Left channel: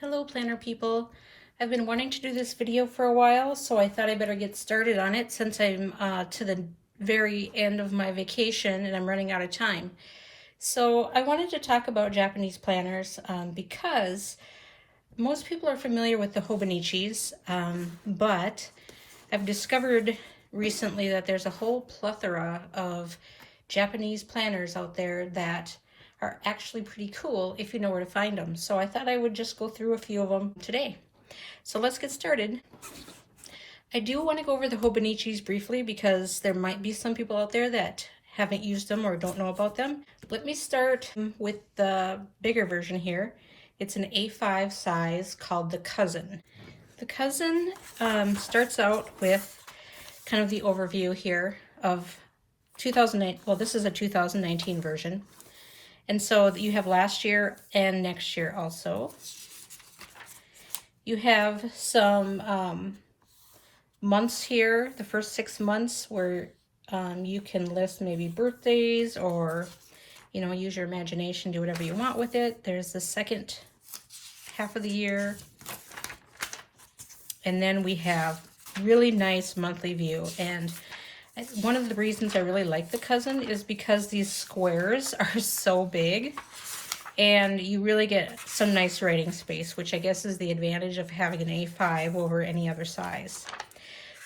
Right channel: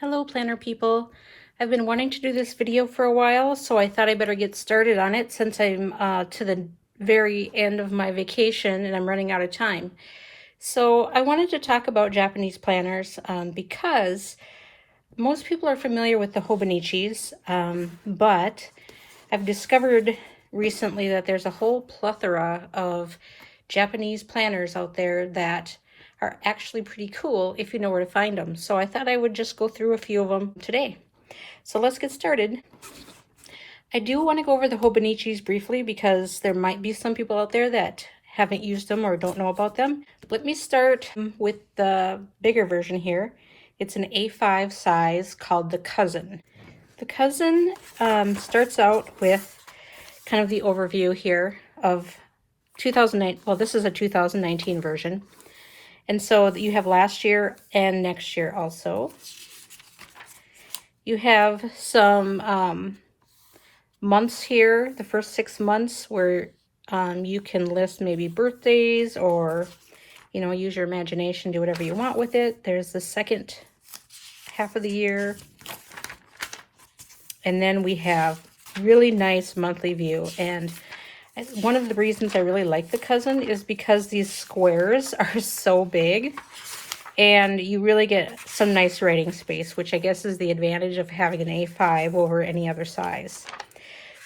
Hello planner people. I've been wanting to do this video for a while, so I thought I better get started on it since I'm to the very end of my vacation and I'm running out of time. So I wanted to talk about Japanese planners because most people are familiar with the Hobonichis, but I've discovered recently that there's a whole plethora of Japanese planners out there that are actually pretty cool if you know where to find them. So I thought I would just go through a few of them today. So let's get started. I do want to go over the Hobonichis briefly because there might be some people out there that haven't used them or don't know about them. Let me start with the bigger version here. It's an A5 size called the Cousin. The Cousin starts out with kind of the overview here of 2009. Well, this is a 2019 version. And so you have last year and next year also. You have some months here, the first 6 months, where you can list maybe birthdays or, you know, use your imagination, do whatever you want with it. There's the second half of the year. And then we have really nice monthly view. And one of the reasons I really like the Cousin is because these squares are so big and you really get some nice writing space, which I guess is the advantage of having an A5 over any other size.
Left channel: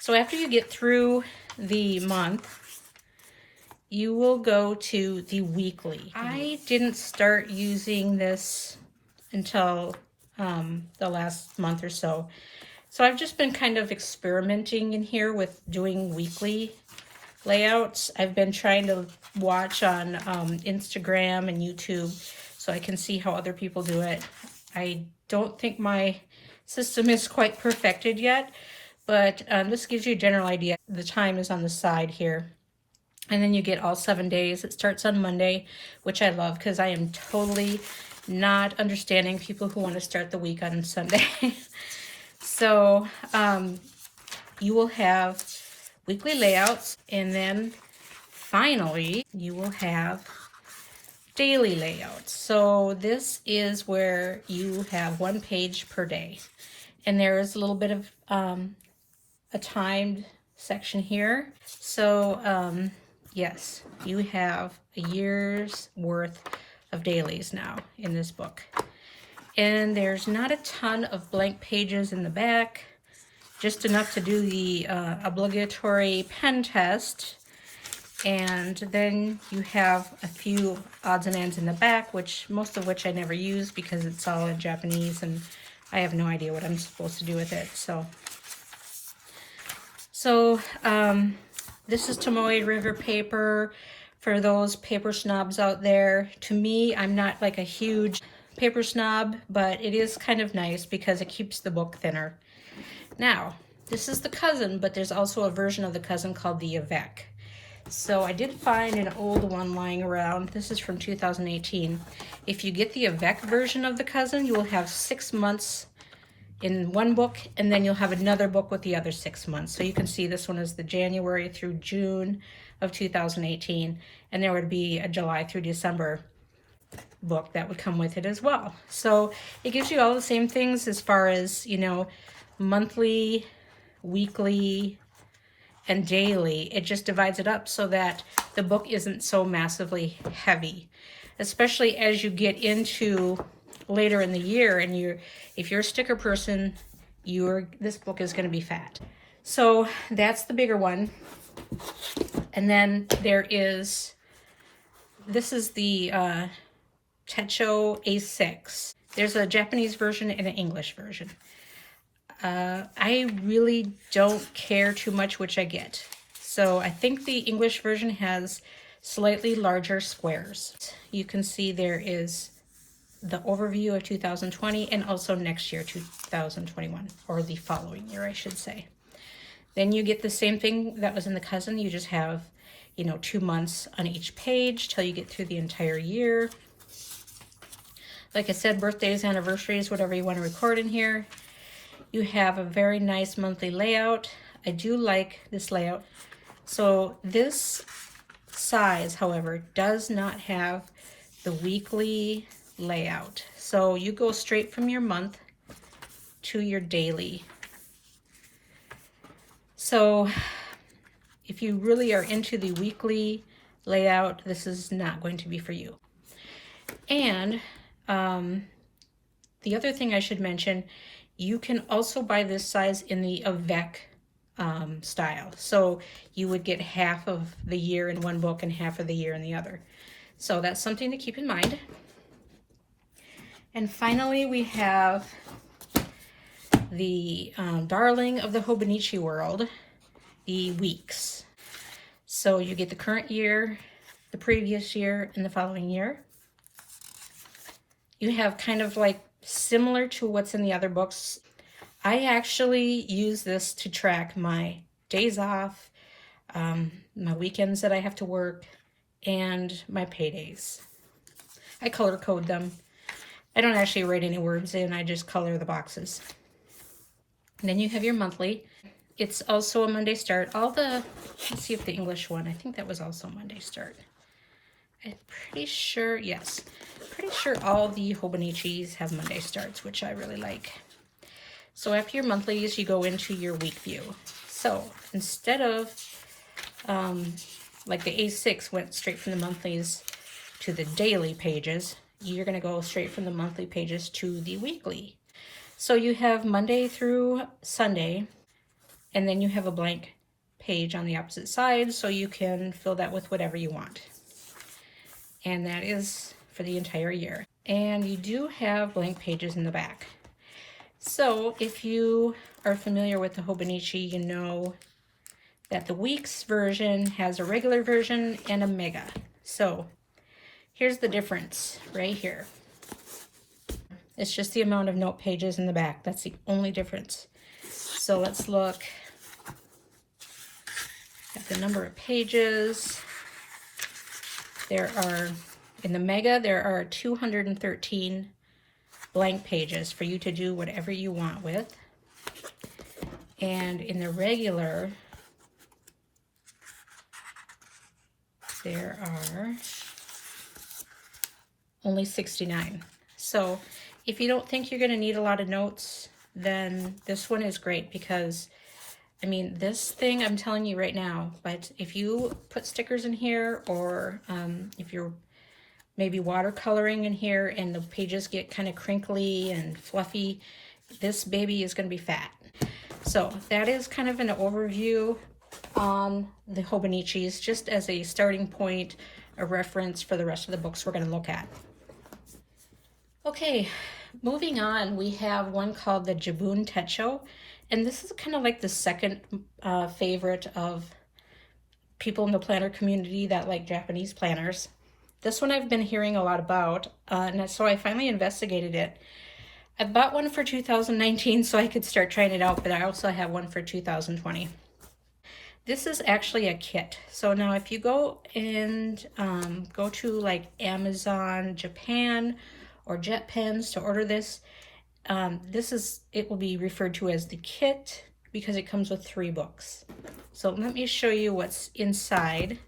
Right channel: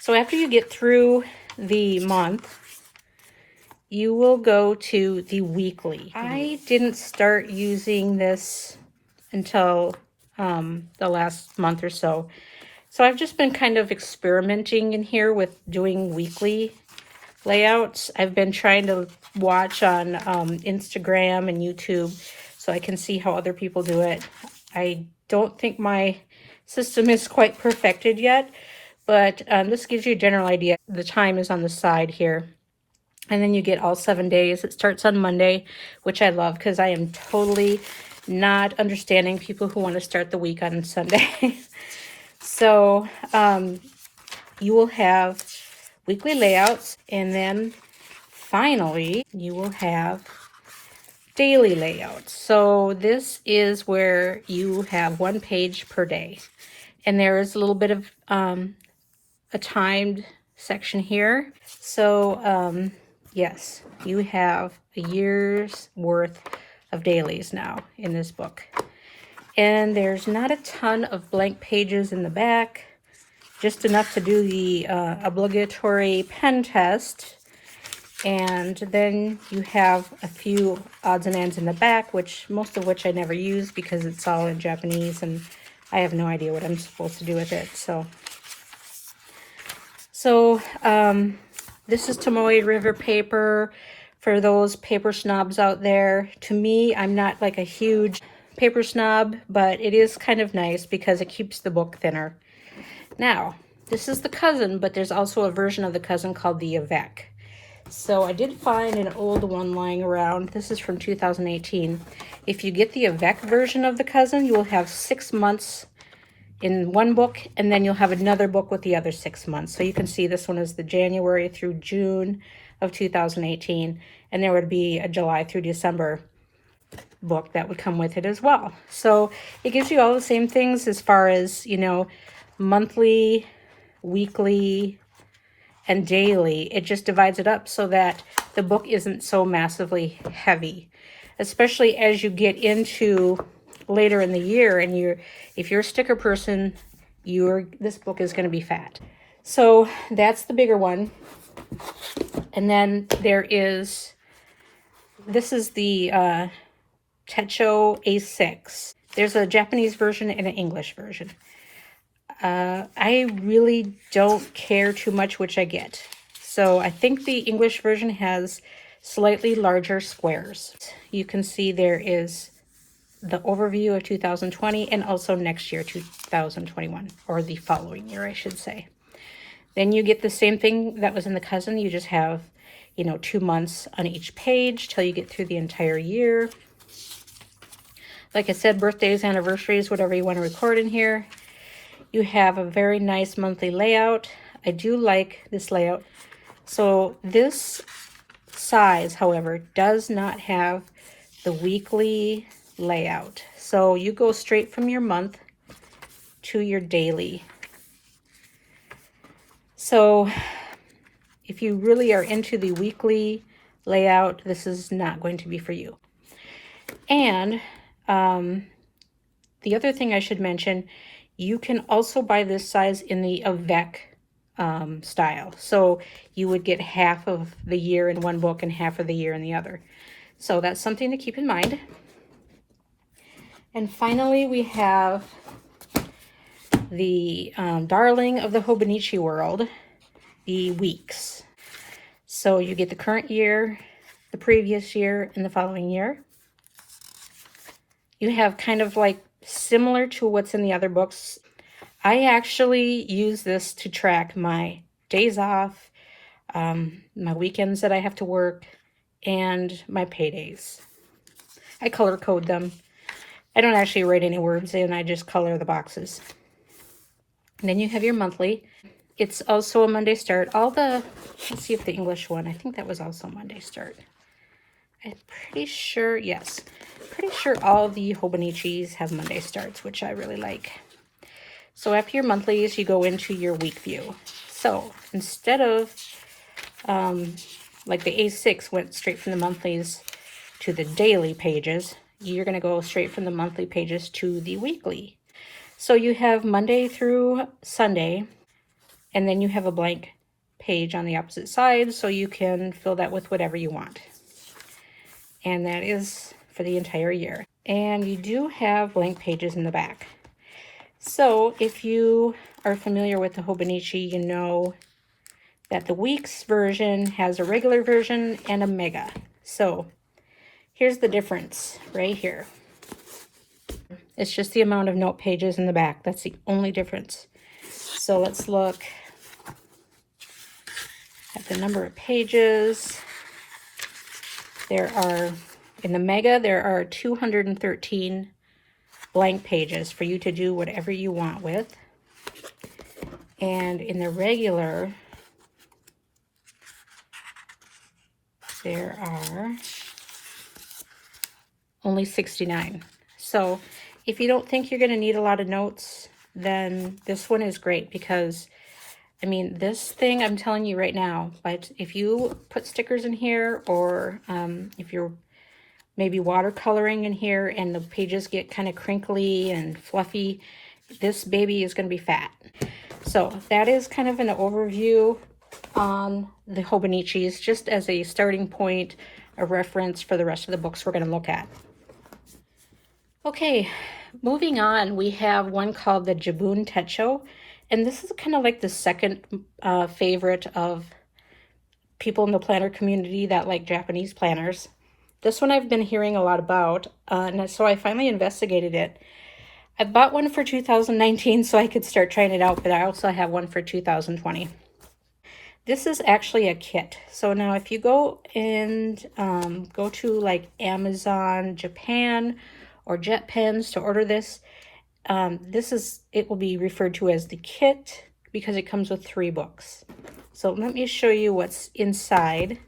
So after you get through the month, you will go to the weekly. I didn't start using this until the last month or so. So I've just been kind of experimenting in here with doing weekly layouts. I've been trying to watch on Instagram and YouTube so I can see how other people do it. I don't think my system is quite perfected yet, but this gives you a general idea. The time is on the side here. And then you get all 7 days. It starts on Monday, which I love because I am totally not understanding people who want to start the week on Sunday. So you will have weekly layouts, and then finally you will have daily layouts. So this is where you have 1 page per day, and there is a little bit of a timed section here. So yes, you have a year's worth of dailies now in this book, and there's not a ton of blank pages in the back, just enough to do the obligatory pen test. And then you have a few odds and ends in the back, which most of which I never use because it's all in Japanese and I have no idea what I'm supposed to do with it. So this is Tomoe River paper for those paper snobs out there. To me, I'm not like a huge paper snob, but it is kind of nice because it keeps the book thinner. Now, this is the Cousin, but there's also a version of the Cousin called the Avec. So I did find an old one lying around. This is from 2018. If you get the Avec version of the Cousin, you will have 6 months in one book, and then you'll have another book with the other 6 months. So you can see this one is the January through June of 2018, and there would be a July through December book that would come with it as well. So it gives you all the same things as far as, you know, monthly, weekly, and daily. It just divides it up so that the book isn't so massively heavy, especially as you get into later in the year. And if you're a sticker person, this book is going to be fat. So that's the bigger one. And then this is the Techo A6. There's a Japanese version and an English version. I really don't care too much which I get. So I think the English version has slightly larger squares. You can see there is the overview of 2020 and also next year, 2021, or the following year, I should say. Then you get the same thing that was in the Cousin. You just have, you know, 2 months on each page till you get through the entire year. Like I said, birthdays, anniversaries, whatever you want to record in here. You have a very nice monthly layout. I do like this layout. So this size, however, does not have the weekly layout. So you go straight from your month to your daily. So if you really are into the weekly layout, this is not going to be for you. And the other thing I should mention, you can also buy this size in the avec style. So you would get half of the year in one book and half of the year in the other. So that's something to keep in mind. And finally, we have the darling of the Hobonichi world, the weeks. So you get the current year, the previous year, and the following year. You have kind of like similar to what's in the other books. I actually use this to track my days off, my weekends that I have to work, and my paydays. I color code them. I don't actually write any words in, I just color the boxes. And then you have your monthly. It's also a Monday start. Let's see if the English one, I think that was also Monday start. I'm pretty sure, yes. Pretty sure all the Hobonichis have Monday starts, which I really like. So after your monthlies, you go into your week view. So instead of, like the A6 went straight from the monthlies to the daily pages, you're going to go straight from the monthly pages to the weekly. So you have Monday through Sunday, and then you have a blank page on the opposite side, so you can fill that with whatever you want. And that is for the entire year. And you do have blank pages in the back. So if you are familiar with the Hobonichi, you know that the weeks version has a regular version and a mega. So here's the difference right here. It's just the amount of note pages in the back. That's the only difference. So let's look at the number of pages. In the mega, there are 213 blank pages for you to do whatever you want with. And in the regular, there are only 69. So if you don't think you're going to need a lot of notes, then this one is great because, I mean, this thing, I'm telling you right now, but if you put stickers in here or if you're maybe watercoloring in here and the pages get kind of crinkly and fluffy, this baby is going to be fat. So that is kind of an overview on the Hobonichis, just as a starting point, a reference for the rest of the books we're going to look at. Okay, moving on, we have one called the Boon Techo, and this is kind of like the second favorite of people in the planner community that like Japanese planners. This one I've been hearing a lot about, and so I finally investigated it. I bought one for 2019 so I could start trying it out, but I also have one for 2020. This is actually a kit. So now if you go and go to like Amazon Japan or JetPens to order this, it will be referred to as the kit because it comes with 3 books. So let me show you what's inside.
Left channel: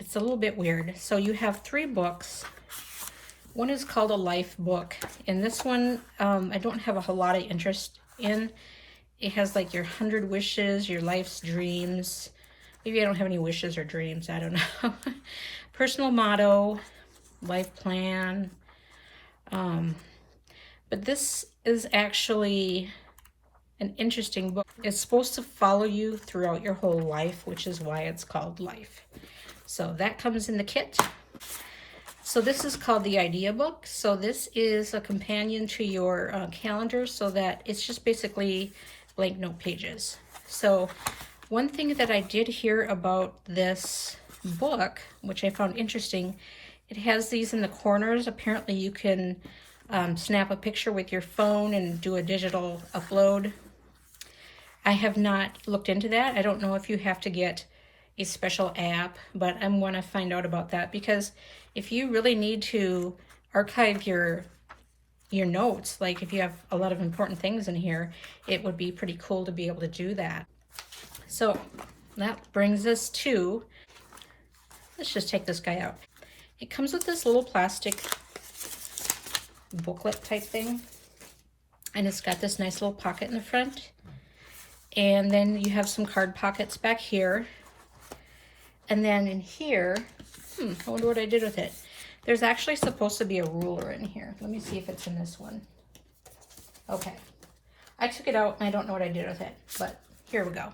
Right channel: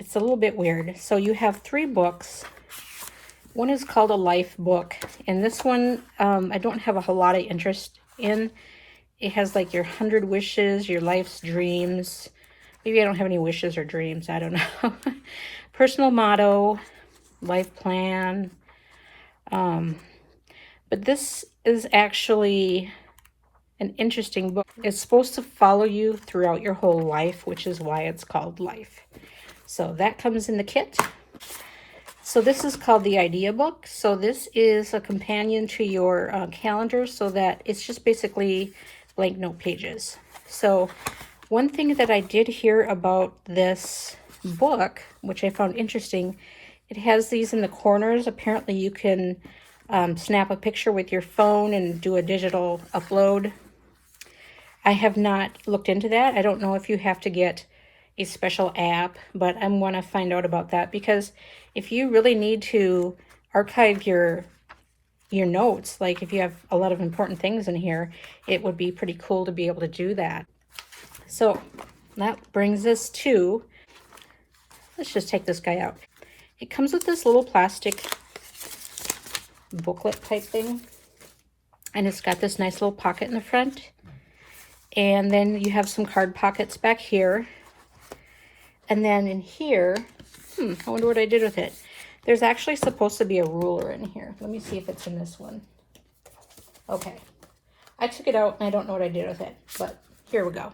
It's a little bit weird. So you have 3 books. One is called a life book, and this one I don't have a whole lot of interest in. It has like your 100 wishes, your life's dreams. Maybe I don't have any wishes or dreams, I don't know. Personal motto, life plan. But this is actually an interesting book. It's supposed to follow you throughout your whole life, which is why it's called Life. So that comes in the kit. So this is called the Idea Book. So this is a companion to your calendar, so that it's just basically blank note pages. So one thing that I did hear about this book, which I found interesting, it has these in the corners. Apparently you can snap a picture with your phone and do a digital upload. I have not looked into that. I don't know if you have to get a special app, but I want to find out about that, because if you really need to archive your notes, like if you have a lot of important things in here, it would be pretty cool to be able to do that. So that brings us to, let's just take this guy out. It comes with this little plastic booklet type thing. And it's got this nice little pocket in the front. And then you have some card pockets back here. And then in here, I wonder what I did with it. There's actually supposed to be a ruler in here. Let me see if it's in this one. Okay. I took it out and I don't know what I did with it, but here we go.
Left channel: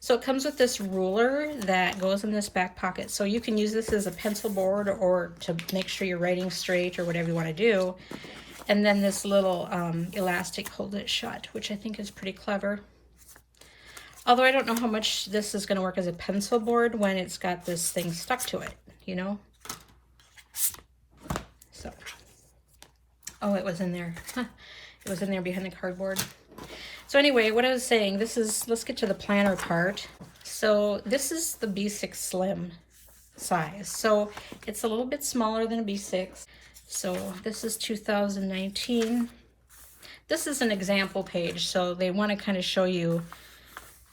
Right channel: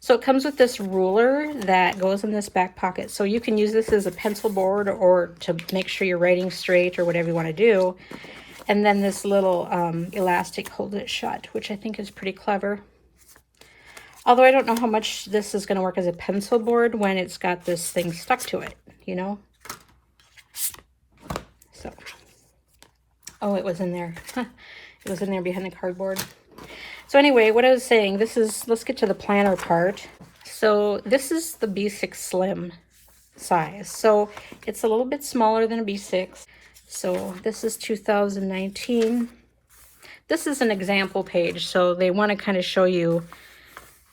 So it comes with this ruler that goes in this back pocket. So you can use this as a pencil board or to make sure you're writing straight or whatever you want to do. And then this little elastic holds it shut, which I think is pretty clever. Although I don't know how much this is going to work as a pencil board when it's got this thing stuck to it, you know? So, oh, it was in there. It was in there behind the cardboard. So anyway, what I was saying, let's get to the planner part. So this is the B6 Slim size. So it's a little bit smaller than a B6. So this is 2019. This is an example page. So they want to kind of show you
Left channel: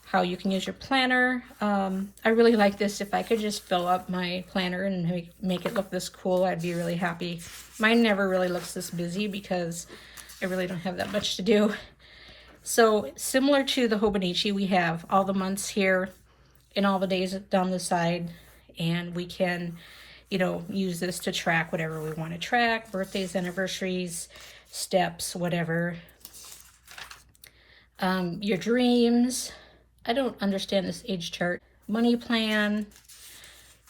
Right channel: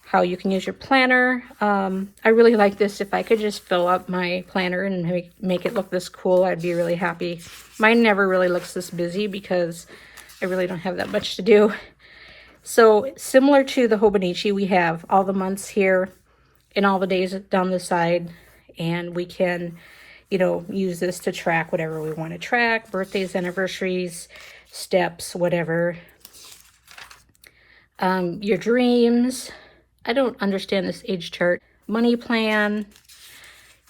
how you can use your planner. I really like this. If I could just fill up my planner and make it look this cool, I'd be really happy. Mine never really looks this busy because I really don't have that much to do. So similar to the Hobonichi, we have all the months here and all the days down the side, and we can, you know, use this to track whatever we want to track, birthdays, anniversaries, steps, whatever. Your dreams. I don't understand this age chart. Money plan.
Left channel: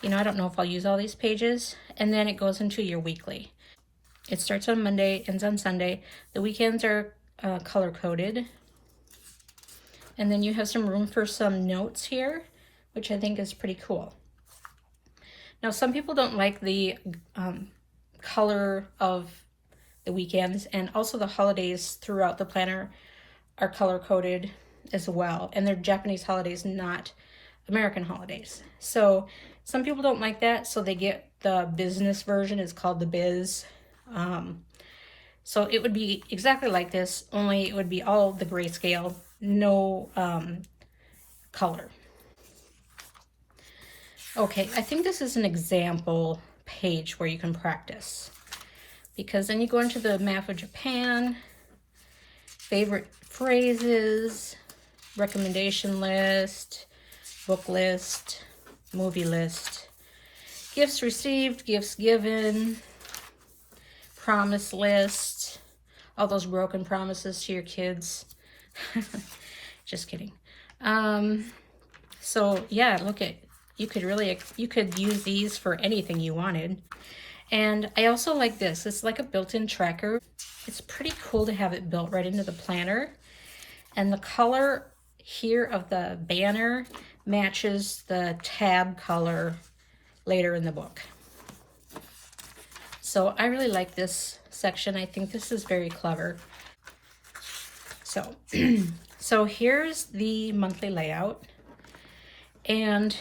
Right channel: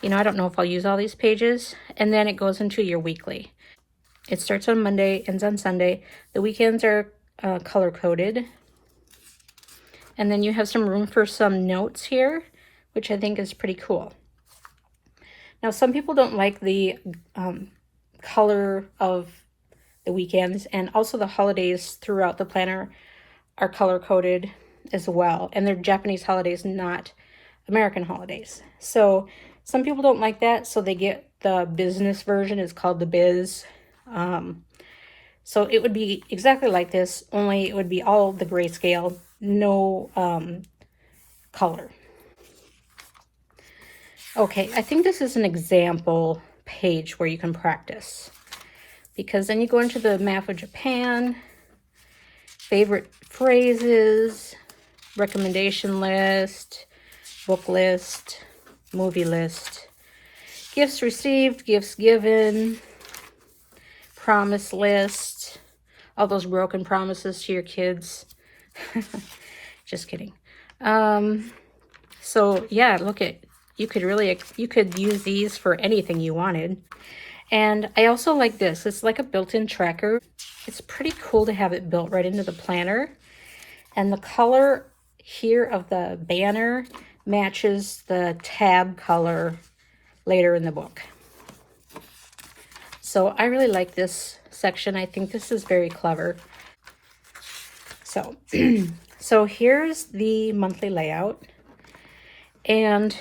You know, I don't know if I'll use all these pages. And then it goes into your weekly. It starts on Monday, ends on Sunday. The weekends are color-coded. And then you have some room for some notes here, which I think is pretty cool. Now, some people don't like the color of the weekends, and also the holidays throughout the planner are color-coded as well. And they're Japanese holidays, not American holidays. So some people don't like that, so they get the business version. It's called the Biz. So it would be exactly like this, only it would be all the grayscale, no color. Okay, I think this is an example page where you can practice, because then you go into the map of Japan, favorite phrases, recommendation list, book list, movie list, gifts received, gifts given, promise list, all those broken promises to your kids. Just kidding. So yeah, look at, you could use these for anything you wanted. And I also like this. It's like a built-in tracker. It's pretty cool to have it built right into the planner. And the color here of the banner matches the tab color later in the book. So I really like this section. I think this is very clever. So, so here's the monthly layout. And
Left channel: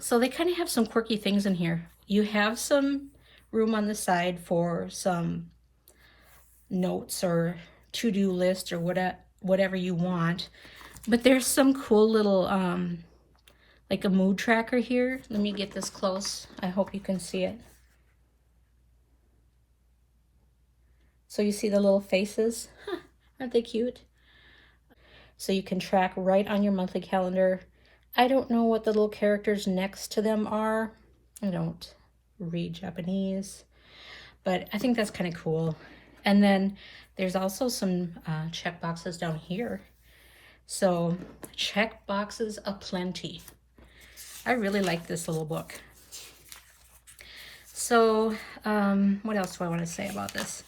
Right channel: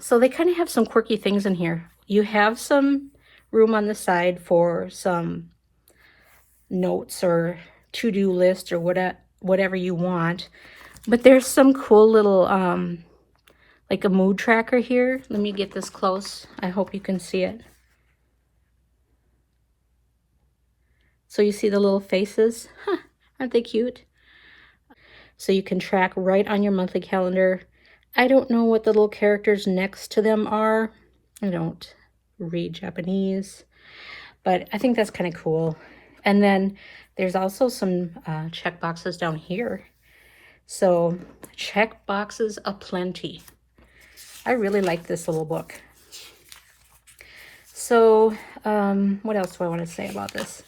so they kind of have some quirky things in here. You have some room on the side for some notes or to-do list or whatever you want. But there's some cool little, like a mood tracker here. Let me get this close. I hope you can see it. So you see the little faces? Huh, aren't they cute? So you can track right on your monthly calendar. I don't know what the little characters next to them are. I don't read Japanese, but I think that's kind of cool. And then there's also some check boxes down here. So check boxes aplenty. I really like this little book. So what else do I want to say about this?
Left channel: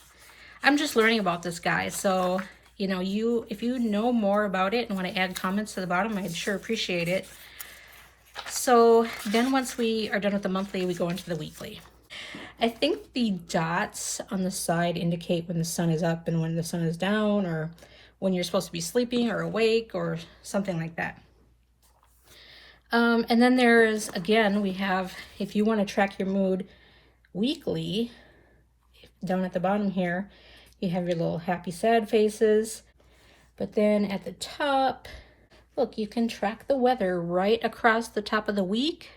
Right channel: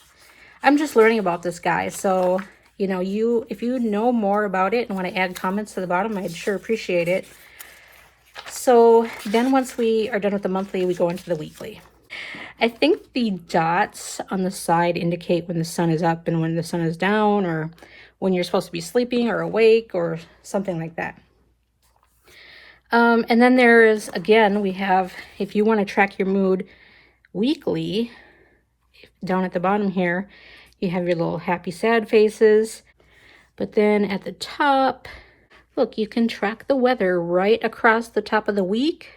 I'm just learning about this guy. So, you know, if you know more about it and want to add comments to the bottom, I'd sure appreciate it. So then once we are done with the monthly, we go into the weekly. I think the dots on the side indicate when the sun is up and when the sun is down, or when you're supposed to be sleeping or awake or something like that. And then there is, again, we have, if you want to track your mood weekly, down at the bottom here, you have your little happy, sad faces. But then at the top, look, you can track the weather right across the top of the week,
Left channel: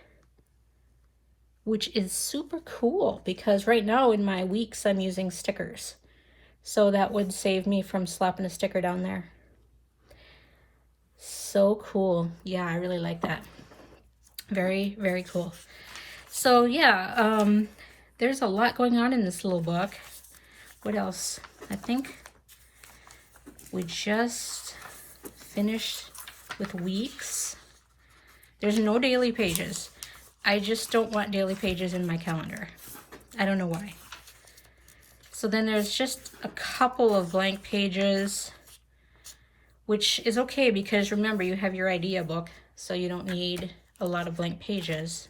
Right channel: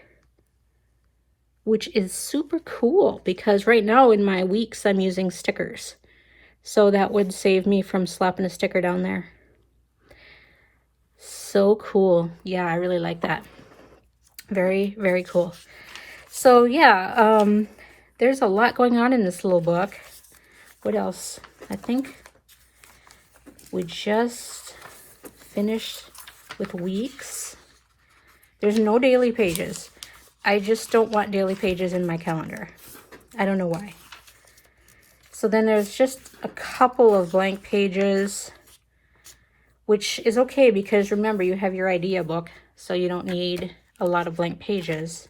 which is super cool because right now in my weeks, I'm using stickers. So that would save me from slapping a sticker down there. So cool. Yeah, I really like that. Very, very cool. So yeah, there's a lot going on in this little book. What else? I think we just finished with weeks. There's no daily pages. I just don't want daily pages in my calendar. I don't know why. So then there's just a couple of blank pages, which is okay because remember, you have your idea book, so you don't need a lot of blank pages.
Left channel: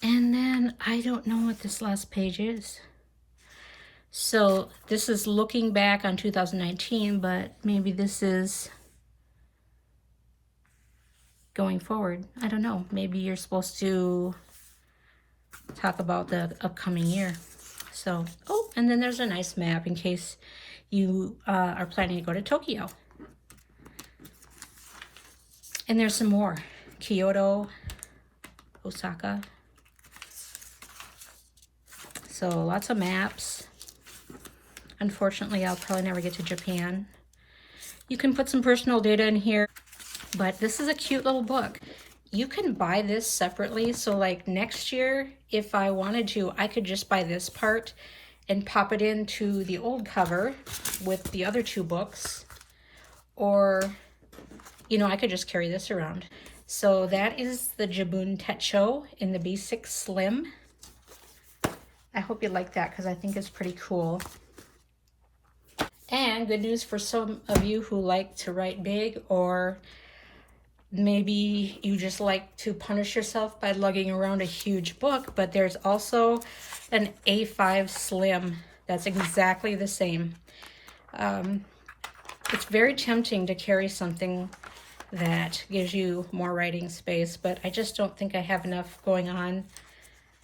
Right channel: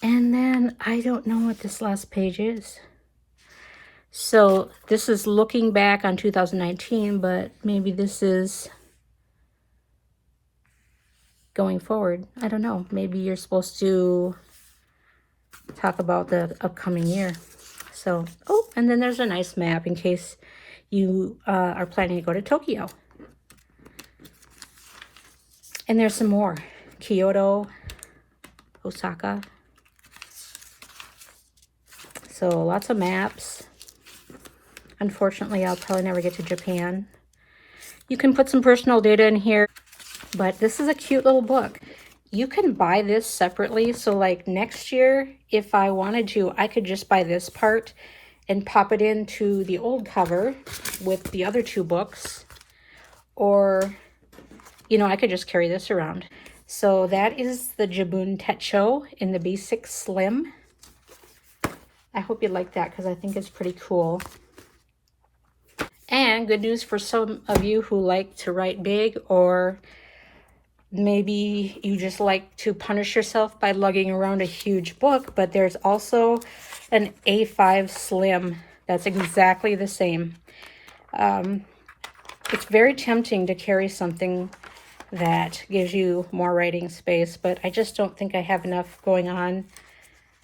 And then I don't know what this last page is. So this is looking back on 2019, but maybe this is going forward. I don't know. Maybe you're supposed to talk about the upcoming year. So, oh, and then there's a nice map in case you are planning to go to Tokyo. And there's some more. Kyoto, Osaka. So lots of maps. Unfortunately, I'll probably never get to Japan. You can put some personal data in here, but this is a cute little book. You can buy this separately. So like next year, if I wanted to, I could just buy this part and pop it into the old cover with the other two books. Or, you know, I could just carry this around. So that is the Boon Techo in the Basic Slim. I hope you like that because I think it's pretty cool. And good news for some of you who like to write big, or maybe you just like to punish yourself by lugging around a huge book, but there's also an A5 Slim that's exactly the same. It's very tempting to carry something that gives you more writing space, but I just don't think I have enough going on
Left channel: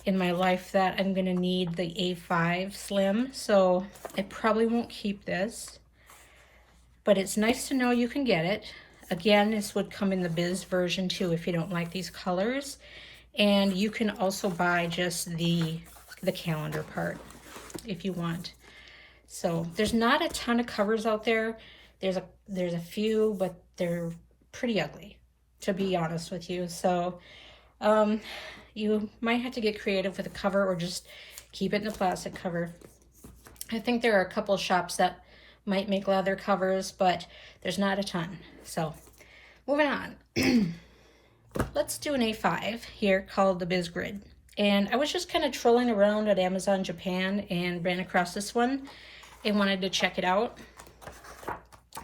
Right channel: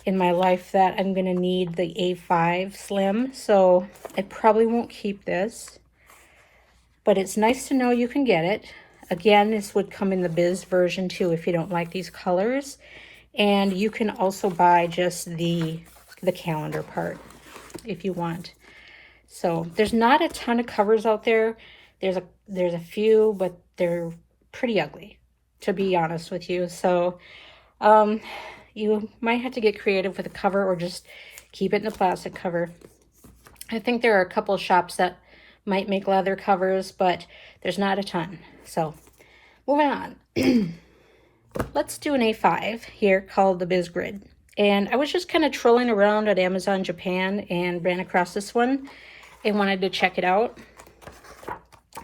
in my life that I'm going to need the A5 Slim, so I probably won't keep this. But it's nice to know you can get it. Again, this would come in the Biz version too if you don't like these colors. And you can also buy just the calendar part if you want. So there's not a ton of covers out there. There's a few, but they're pretty ugly, to be honest with you. So you might have to get creative with a cover or just keep it in the plastic cover. I think there are a couple of shops that might make leather covers, but there's not a ton. So moving on. Let's do an A5 here called the Biz Grid. And I was just kind of trolling around at Amazon Japan and ran across this one and wanted to check it out.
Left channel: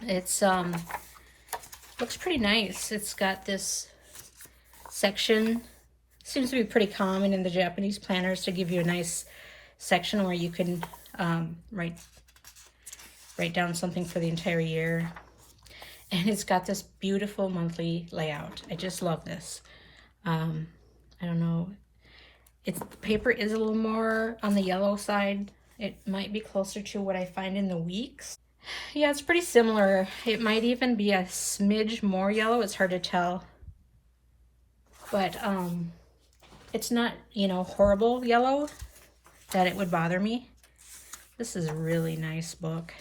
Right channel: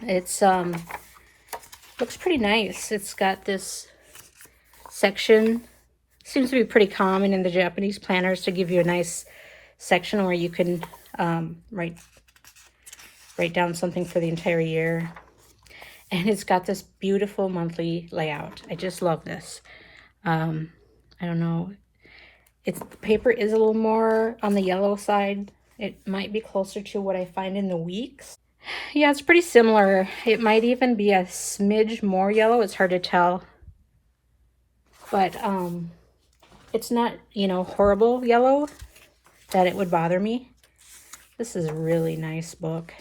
It's looks pretty nice. It's got this section. Seems to be pretty common in the Japanese planners to give you a nice section where you can write down something for the entire year. And it's got this beautiful monthly layout. I just love this. I don't know. The paper is a little more on the yellow side. It might be closer to what I find in the weeks. Yeah, it's pretty similar. It might even be a smidge more yellow. It's hard to tell. But it's not, you know, horrible yellow that it would bother me. This is a really nice book.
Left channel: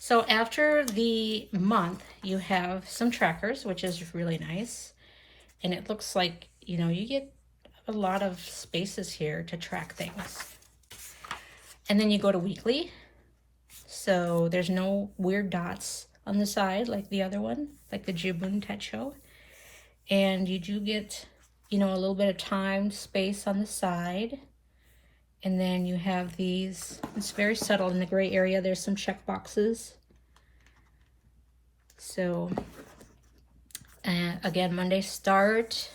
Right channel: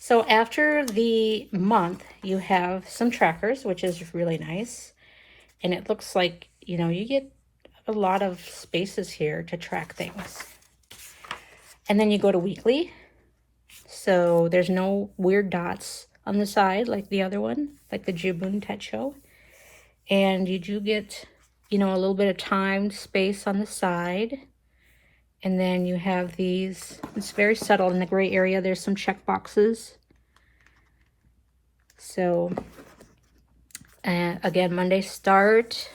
So after the month, you have some trackers, which is really nice. And it looks like, you know, you get a lot of spaces here to track things. And then you go to weekly. So there's no weird dots on the side like the other one, like the Boon Techo. And you do get, you know, a little bit of timed space on the side. And then you have these, it's very subtle in the gray area. There's some check boxes. So, again, Monday start.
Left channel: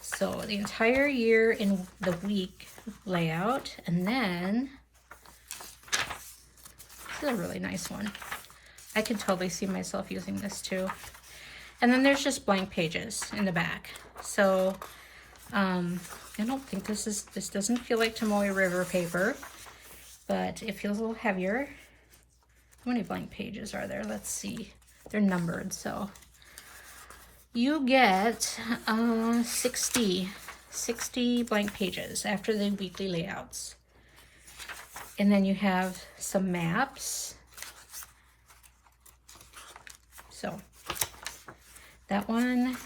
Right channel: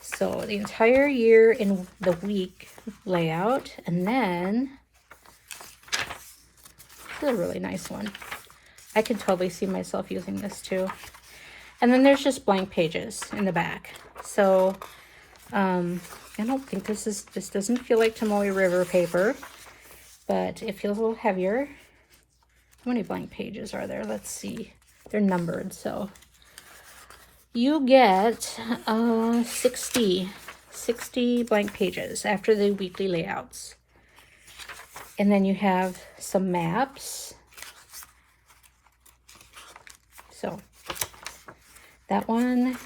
So the entire year in the week layout. And then, this is a really nice one. I can totally see myself using this too. And then there's just blank pages in the back. So, I don't think this doesn't feel like Tomoe River paper, but it feels a little heavier. How many blank pages are there? Let's see. They're numbered, so you get 60 60 blank pages after the weekly layouts. And then you have some maps. So that one's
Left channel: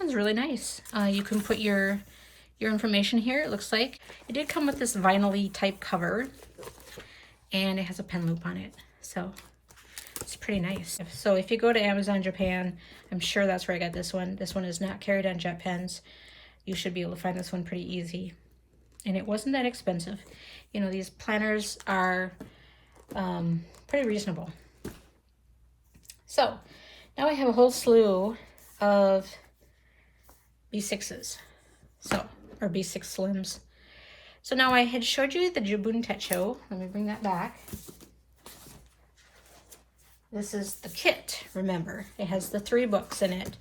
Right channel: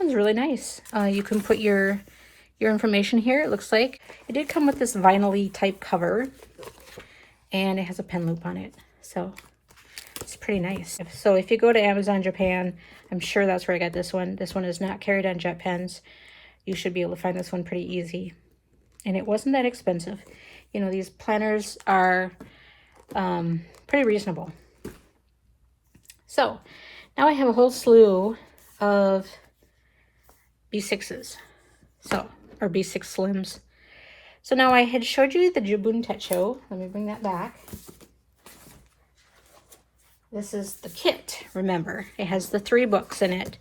really nice. You can put your information here. It looks like it did come with this vinyl-y type cover, and it has a pen loop on it. So it's pretty nice. So if you go to Amazon Japan, I'm sure that's where I got this one. This one is not carried on jet pens. You should be able to find this one pretty easy. And it wasn't that expensive. You know, these planners are pretty reasonable. So now I have a whole slew of B6s. Or B6 Slims. So now I had showed you the Boon Techo. Let me bring that back. This is the kit, remember. It has the 3 books in it.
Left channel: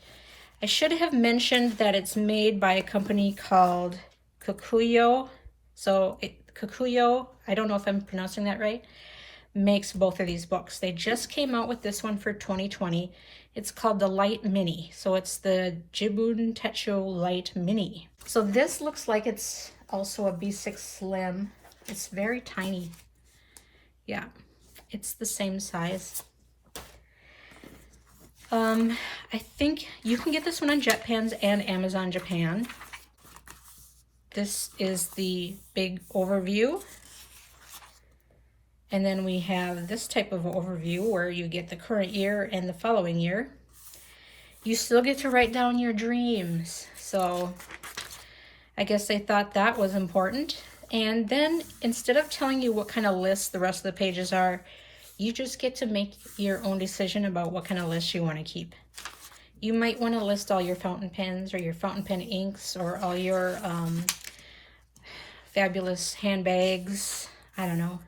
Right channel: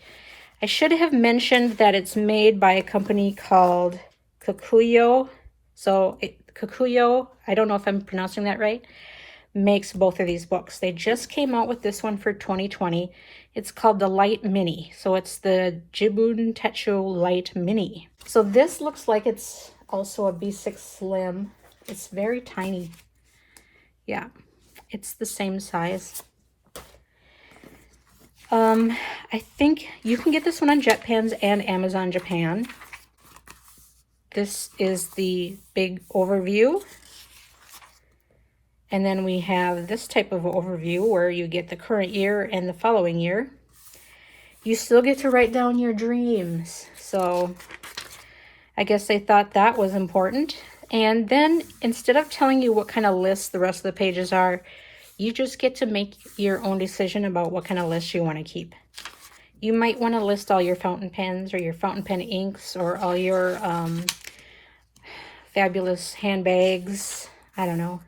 I should have mentioned that it's made by a company called Kokuyo. So Kokuyo, I don't know if I'm pronouncing that right, makes both of these books. They just came out with this one for 2020. It's called the Light Mini. So it's the Boon Techo Light Mini. So this looks like it's also a B6 Slim. It's very tiny. Yeah, it's the same size. I think you can get this one on JetPens and Amazon Japan. This is the big overview. And then we have this type of overview where you get the current year and the following year. You still get to write down your dreams. So I guess they thought that was important. And then instead of telling you what kind of list the rest of the pages are, you just get to make your own decision about what kind of list you want to keep. You might want to list all your fountain pens or your fountain pen inks or all your fabulous handbags. I don't know.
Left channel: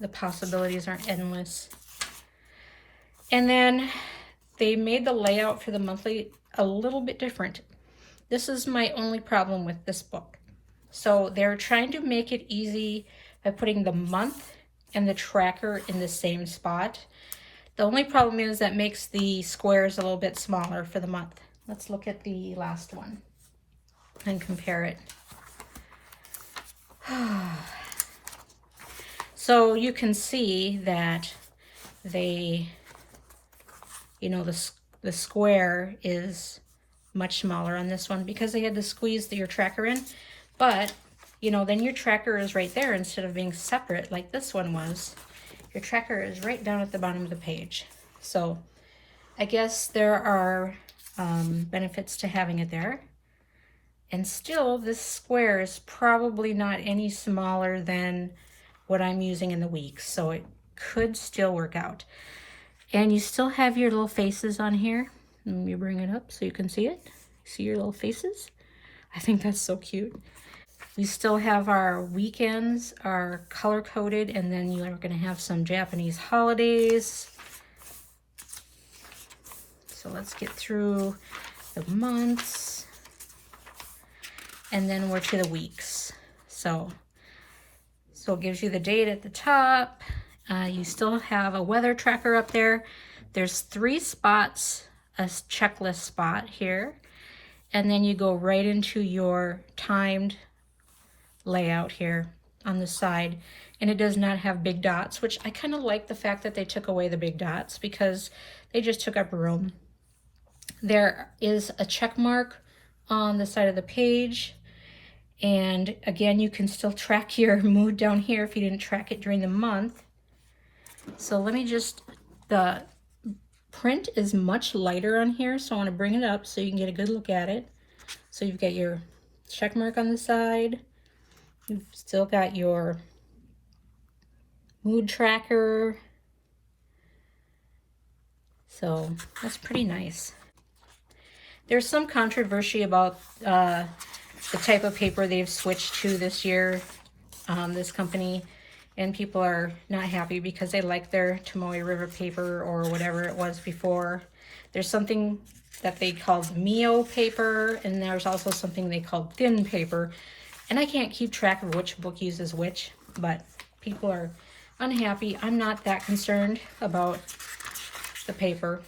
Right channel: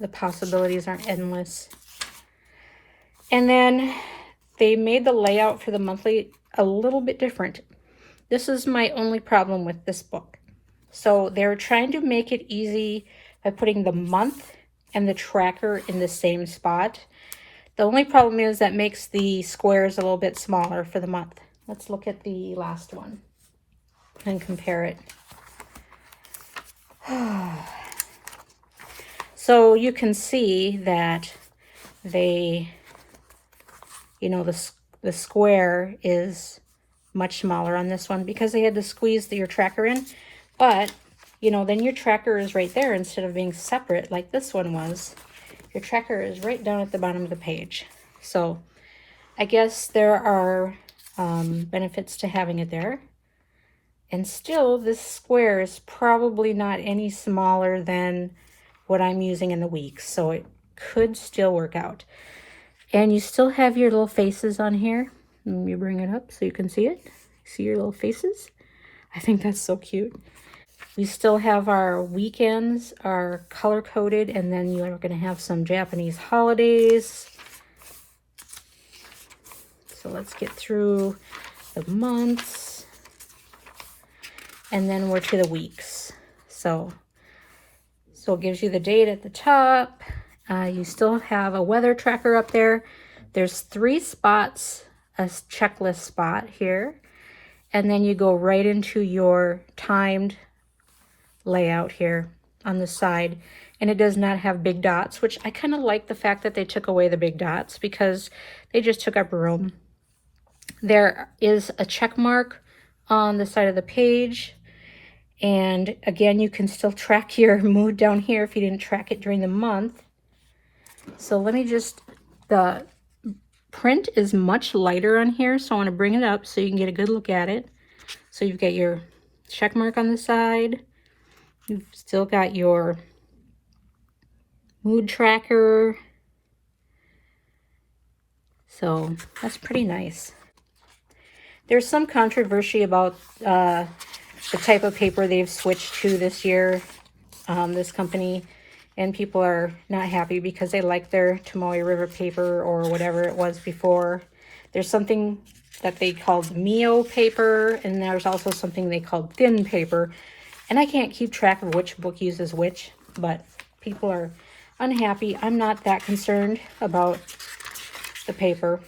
The possibilities aren't endless. And then they made the layout for the monthly a little bit different. This is my only problem with this book. So they're trying to make it easy by putting the month and the tracker in the same spot. The only problem is that makes the squares a little bit smaller for the month. Let's look at the last one and compare it. So you can see that they, you know, the square is much smaller on this one because they had to squeeze your tracker in. But, you know, then your tracker is right there instead of being separate like this one was. Your tracker is right down at the bottom of the page. So I guess there are benefits to having it there. And still, this square is probably not any smaller than what I'm using in the weeks. So it could still work out. And you still have your little faces on here. Let me bring it up so you can see it. See your little faces? I think that's so cute. We still have our weekends are color-coded, and then you're going to have some Japanese holidays. So let's get through the months. And then we're to the weeks. So it gives you the date at the top. You still have a weather tracker up there. There's 3 spots, a checklist spot here. And then you go right into your timed layout here on the side. And it does not have big dots, which I kind of like the fact that they took away the big dots because they just took up room. There is a check mark on the side of the page. And again, you can still track your mood down here if you didn't track it during the month. So let me just, the print is much lighter on here, so I want to bring it up so you can get a good look at it. So you've got your check mark on the side. You've still got your mood tracker. So that's pretty nice. There's some controversy about the type of paper they've switched to this year, this company, and people are not happy because they like their Tomoe River paper or whatever it was before. There's something that they called Mio paper, and there's also something they called thin paper, and I can't keep track of which book uses which, but people are unhappy. I'm not that concerned about the paper.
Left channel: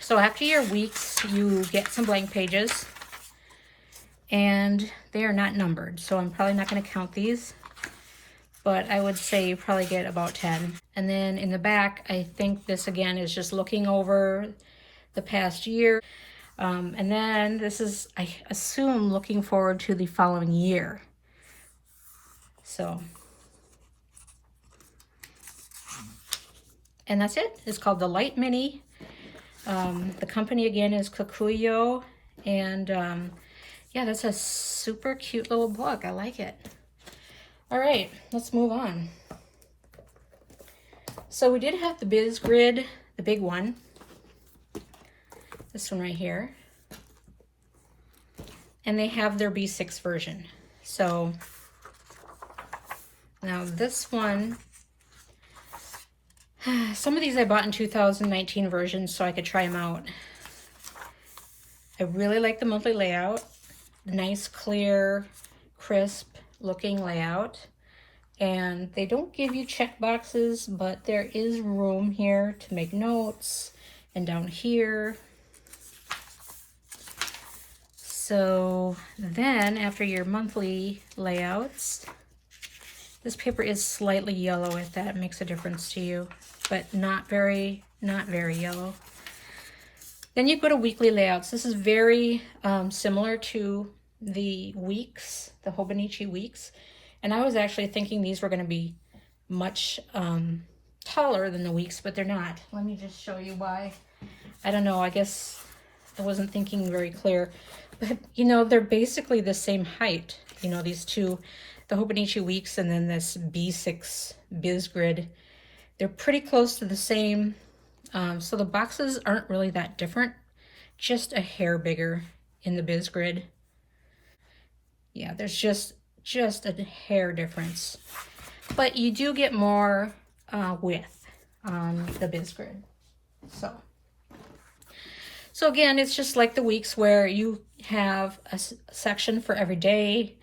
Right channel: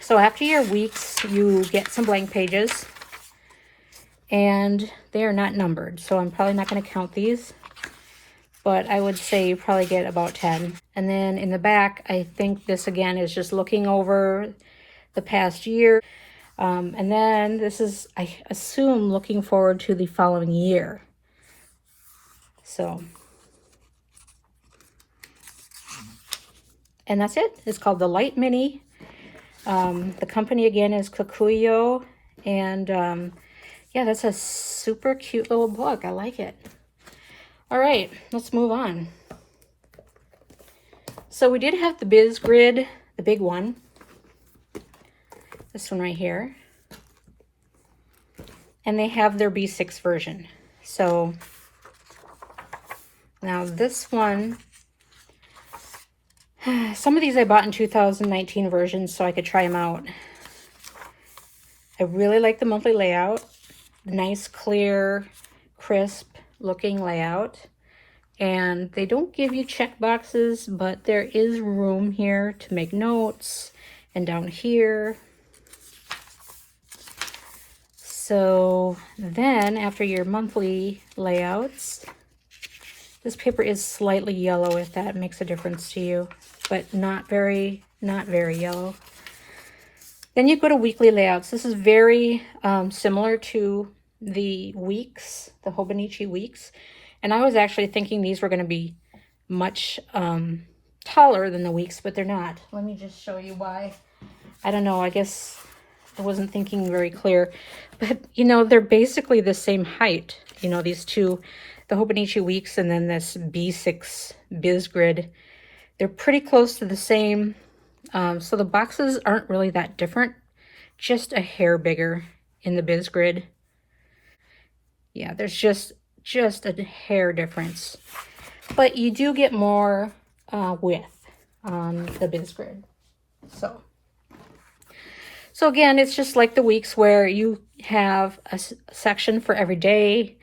So after your weeks, you get some blank pages. and they are not numbered, so I'm probably not going to count these, but I would say you probably get about 10. And then in the back, I think this again is just looking over the past year. And then this is, I assume, looking forward to the following year. So, and that's it. It's called the Light Mini. The company again is Kikuyo, and yeah, that's a super cute little book. I like it. All right, let's move on. So we did have the Biz Grid, the big one. This one right here. And they have their B6 version. So now this one, some of these I bought in 2019 versions so I could try them out. I really like the monthly layout. Nice, clear, crisp looking layout. And they don't give you check boxes, but there is room here to make notes, and down here. So then after your monthly layouts, this paper is slightly yellow if that makes a difference to you, but not very yellow. Then you go to weekly layouts. This is very similar to the weeks, the Hobonichi weeks. And I was actually thinking these were going to be much taller than the weeks, but they're not. Let me just show you why. I don't know, I guess I wasn't thinking very clear. But, you know, they're basically the same height. You know, these two, the Hobonichi weeks and then this B6 Biz Grid. They're pretty close to the same. So the boxes aren't really that different. Just a hair bigger in the Biz Grid. Yeah, there's just a hair difference, but you do get more width on the Biz Grid. So again, it's just like the weeks where you have a section for every day.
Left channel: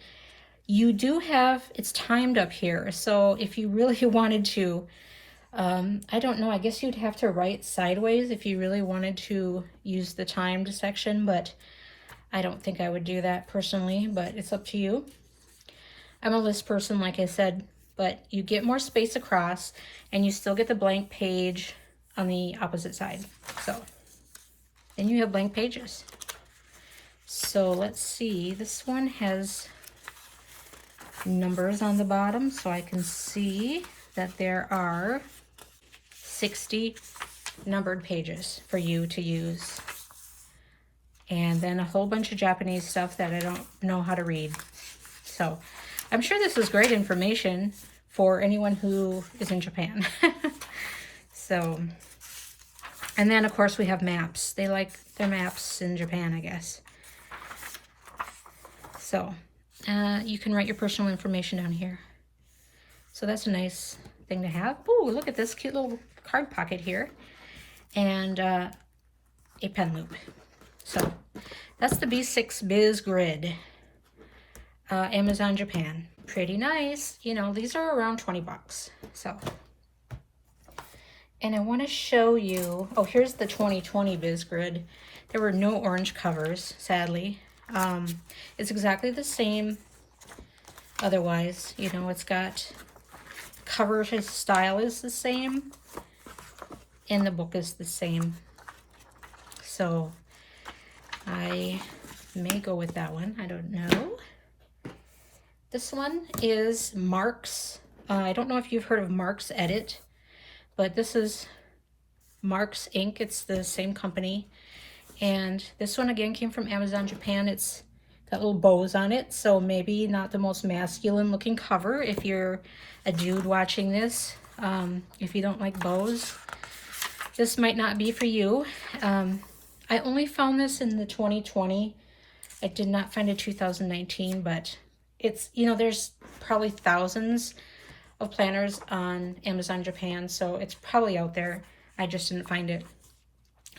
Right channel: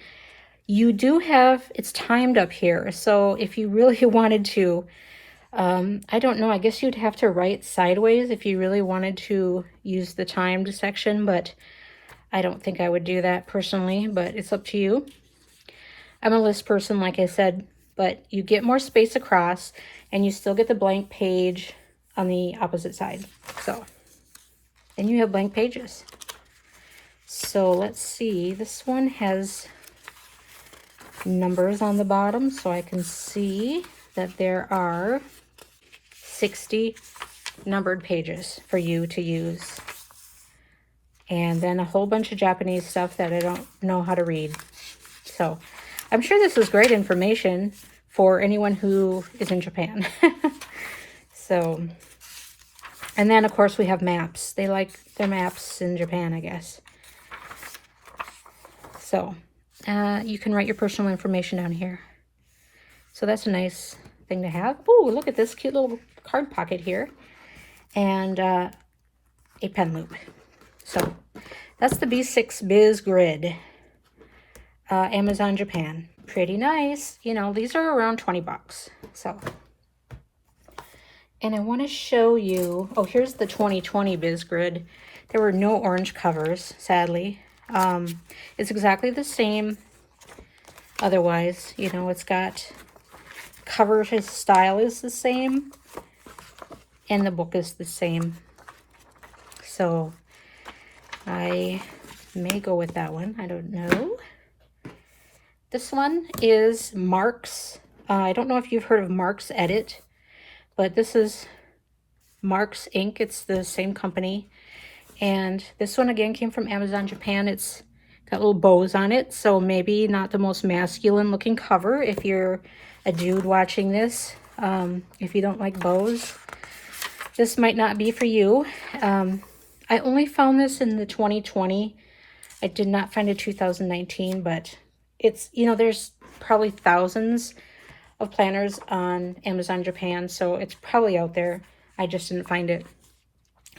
You do have, it's timed up here. So if you really wanted to, I don't know, I guess you'd have to write sideways if you really wanted to use the timed section, but I don't think I would do that personally, but it's up to you. I'm a list person, like I said, but you get more space across and you still get the blank page on the opposite side. So, and you have blank pages. So let's see, this one has numbers on the bottom so I can see that there are 60 numbered pages for you to use. And then a whole bunch of Japanese stuff that I don't know how to read. So I'm sure this is great information for anyone who is in Japan. So, and then of course we have maps. They like their maps in Japan, I guess. So you can write your personal information down here. So that's a nice thing to have. Oh, look at this cute little card pocket here. And a pen loop. So that's the B6 Biz Grid. Amazon Japan. Pretty nice. You know, these are around 20 bucks. So, and I want to show you, oh, here's the 2020 Biz Grid. There were no orange covers, sadly. It's exactly the same otherwise. You know, it's got cover style is the same and the book is the same. So I may go with that one. I don't know. This one is Marx. I don't know if you've heard of Marx Edit, but this is Marx Inc. It's the same company. And this one again came from Amazon Japan. It's got little bows on it, so maybe not the most masculine looking cover if you're a dude watching this. If you don't like bows, this might not be for you. I only found this in the 2020. I did not find a 2019, but it's, you know, there's probably thousands of planners on Amazon Japan, so it's probably out there. I just didn't find it.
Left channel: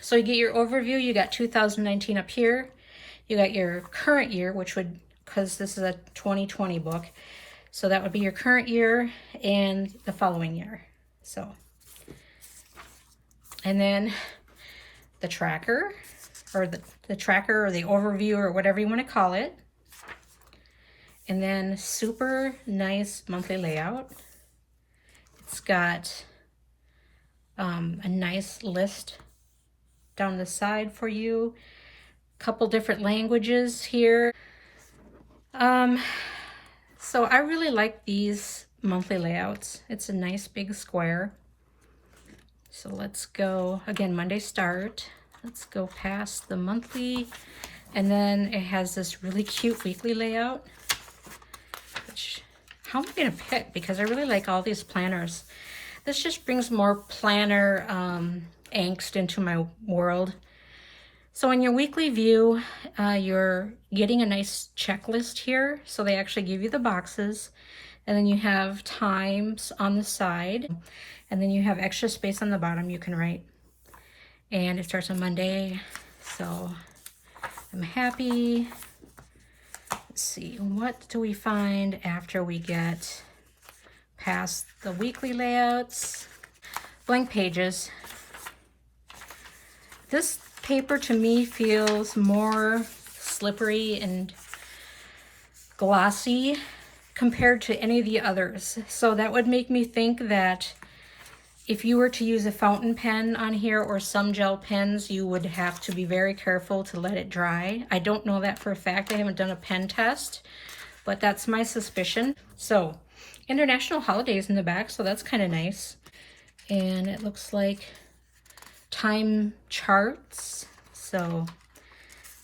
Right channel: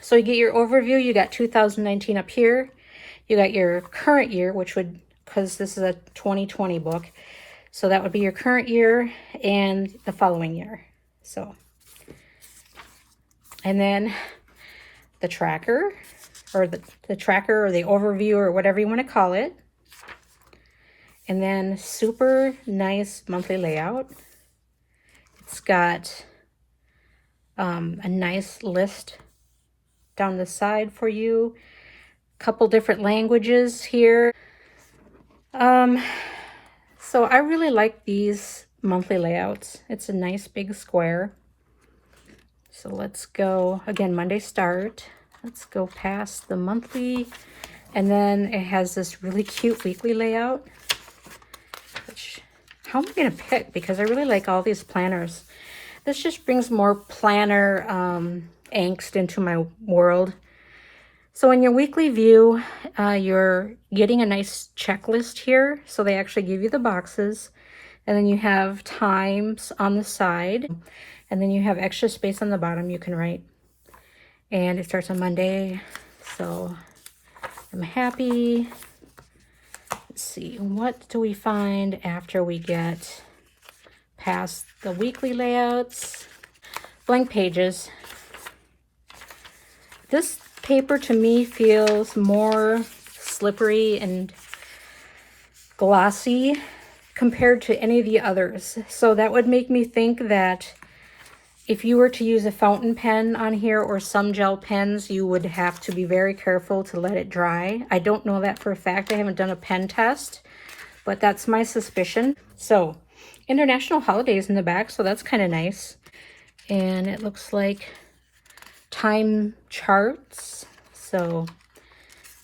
So you get your overview. You got 2019 up here. You got your current year, which would, because this is a 2020 book, so that would be your current year and the following year. So, and then the tracker, or the tracker, or the overview, or whatever you want to call it. And then super nice monthly layout. It's got a nice list down the side for you. A couple different languages here. So I really like these monthly layouts. It's a nice big square. So let's go, again, Monday start. Let's go past the monthly. And then it has this really cute weekly layout. Which, how am I gonna pick? Because I really like all these planners. This just brings more planner angst into my world. So in your weekly view, you're getting a nice checklist here. So they actually give you the boxes, and then you have times on the side, and then you have extra space on the bottom you can write. And it starts on Monday. So I'm happy. Let's see, what do we find after we get past the weekly layouts? Blank pages. This paper to me feels more slippery and glossy compared to any of the others. So that would make me think that if you were to use a fountain pen on here or some gel pens, you would have to be very careful to let it dry. I don't know that for a fact. I haven't done a pen test, but that's my suspicion. So international holidays in the back, so that's kind of nice. And it looks like time charts, so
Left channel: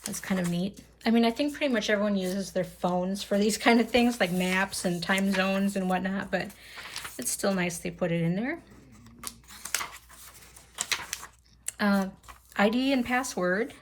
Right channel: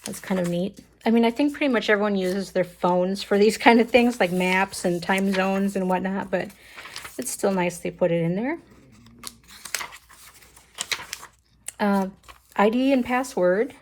that's kind of neat. I mean, I think pretty much everyone uses their phones for these kind of things, like maps and time zones and whatnot, but it's still nice they put it in there. ID and password.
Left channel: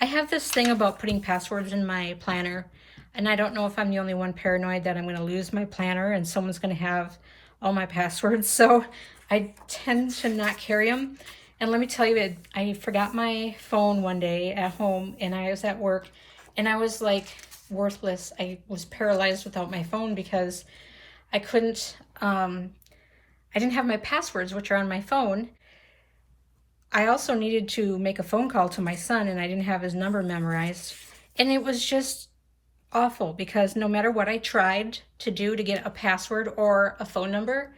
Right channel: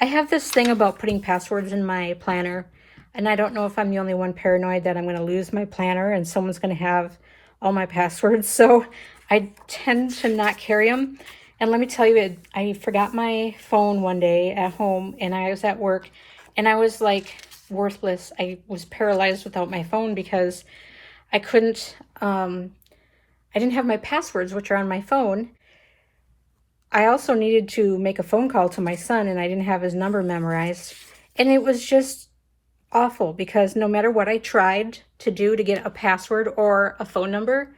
I have this thing about putting passwords in my planner, and I don't know if I'm the only one paranoid that I'm going to lose my planner and someone's going to have all my passwords, so I tend to not carry them. And let me tell you, I forgot my phone one day at home, and I was at work, and I was like worthless. I was paralyzed without my phone because I couldn't, I didn't have my passwords, which are on my phone. I also needed to make a phone call to my son, and I didn't have his number memorized. And it was just awful because no matter what I tried to do to get a password or a phone number,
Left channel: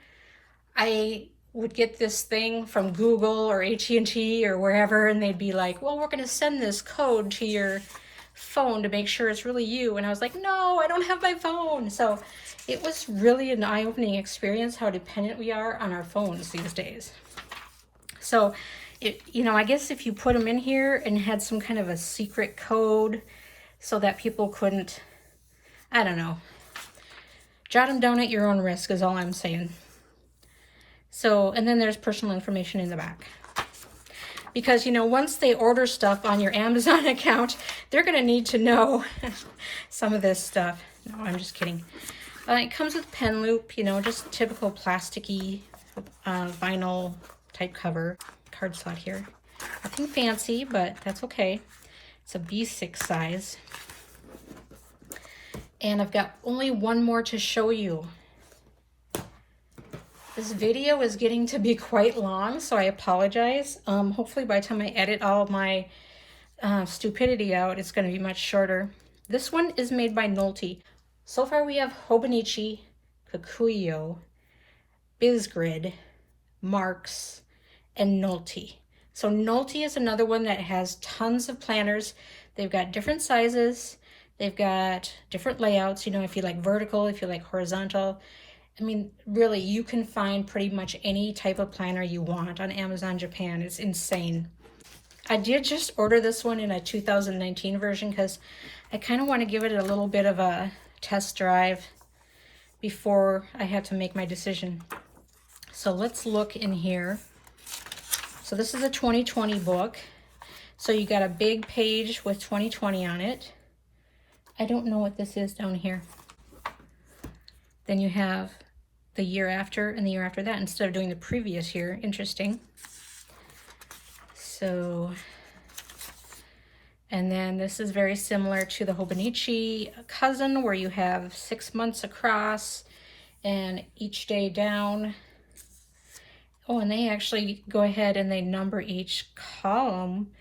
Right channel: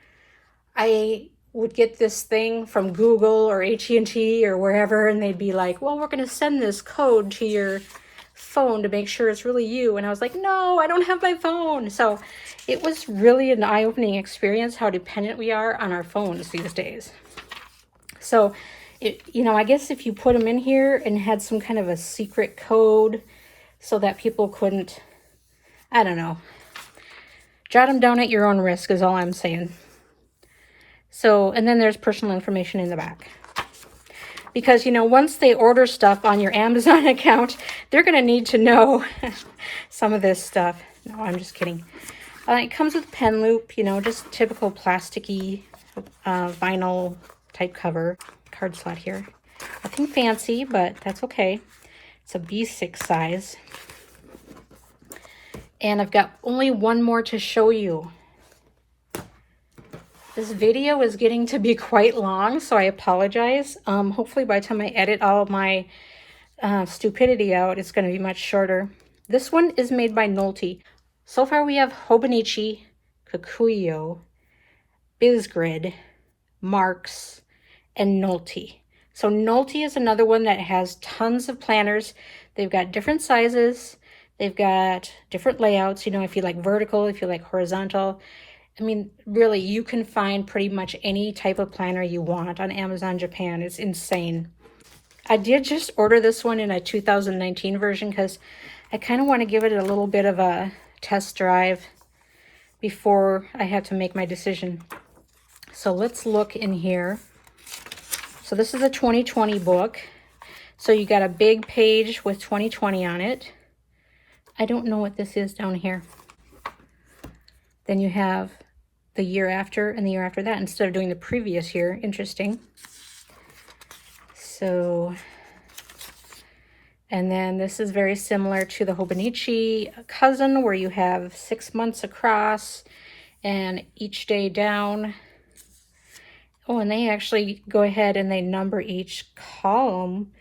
I would get this thing from Google or AT&T or wherever, and they'd be like, well, we're going to send this code to your phone to make sure it's really you. And I was like, no, I don't have my phone. So it was really an eye-opening experience how dependent we are on our phones these days. So, I guess if you put them in here and had some kind of a secret code so that people couldn't, I don't know, jot them down at your own risk is all I'm saying. So, and then there's personal information in the back. Because, once they order stuff on your Amazon account, they're going to need to know some of this stuff. No, I'm just kidding. It comes with pen loop, just typical plasticky vinyl type cover. Card slot here. Nothing fancy, but that's okay. It's a B6 size. And I've got only one more to show you. This video is getting to be quite long, so I apologize. Hopefully by the time I edit all of my stupidity out, it's going to be much shorter. This one is made by Nolte. So far we have Hobonichi, Kikuyo, BizGrid, Marx, and Nolte. So Nolte is another one that has tons of planners. They've got different sizes. They've got different layouts, if you like vertical, if you like horizontal. I mean, really, you can find pretty much any type of planner you want on Amazon Japan. It's insane. I did just order this one in a 2019 version because I kind of want to give it a little bit of a test drive before I have to make my decision. So let's look in here. So this is a 2020 book. So you got a big page with 2020 on it. I don't know what this is down here. Then you have the year after and the year after that instead of doing the previous year. Interesting. So, and then this is very similar to the Hobonichi cousin where you have 6 months across and each day down. Oh, and they actually go ahead and they number each column,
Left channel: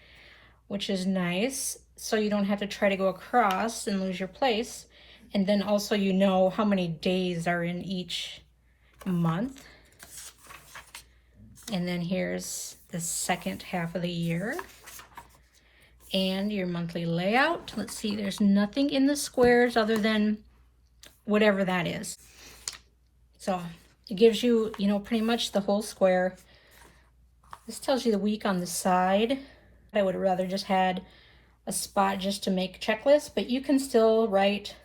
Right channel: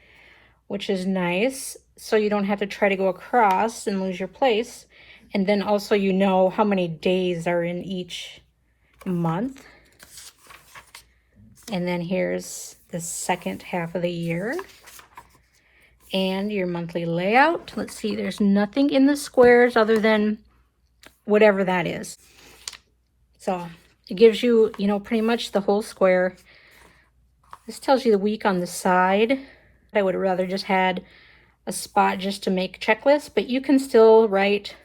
which is nice. So you don't have to try to go across and lose your place. And then also you know how many days are in each month. And then here's the second half of the year. And your monthly layout. Let's see, there's nothing in the squares other than whatever that is. So it gives you, you know, pretty much the whole square. This tells you the week on the side. I would have rather just had a spot just to make checklists, but you can still write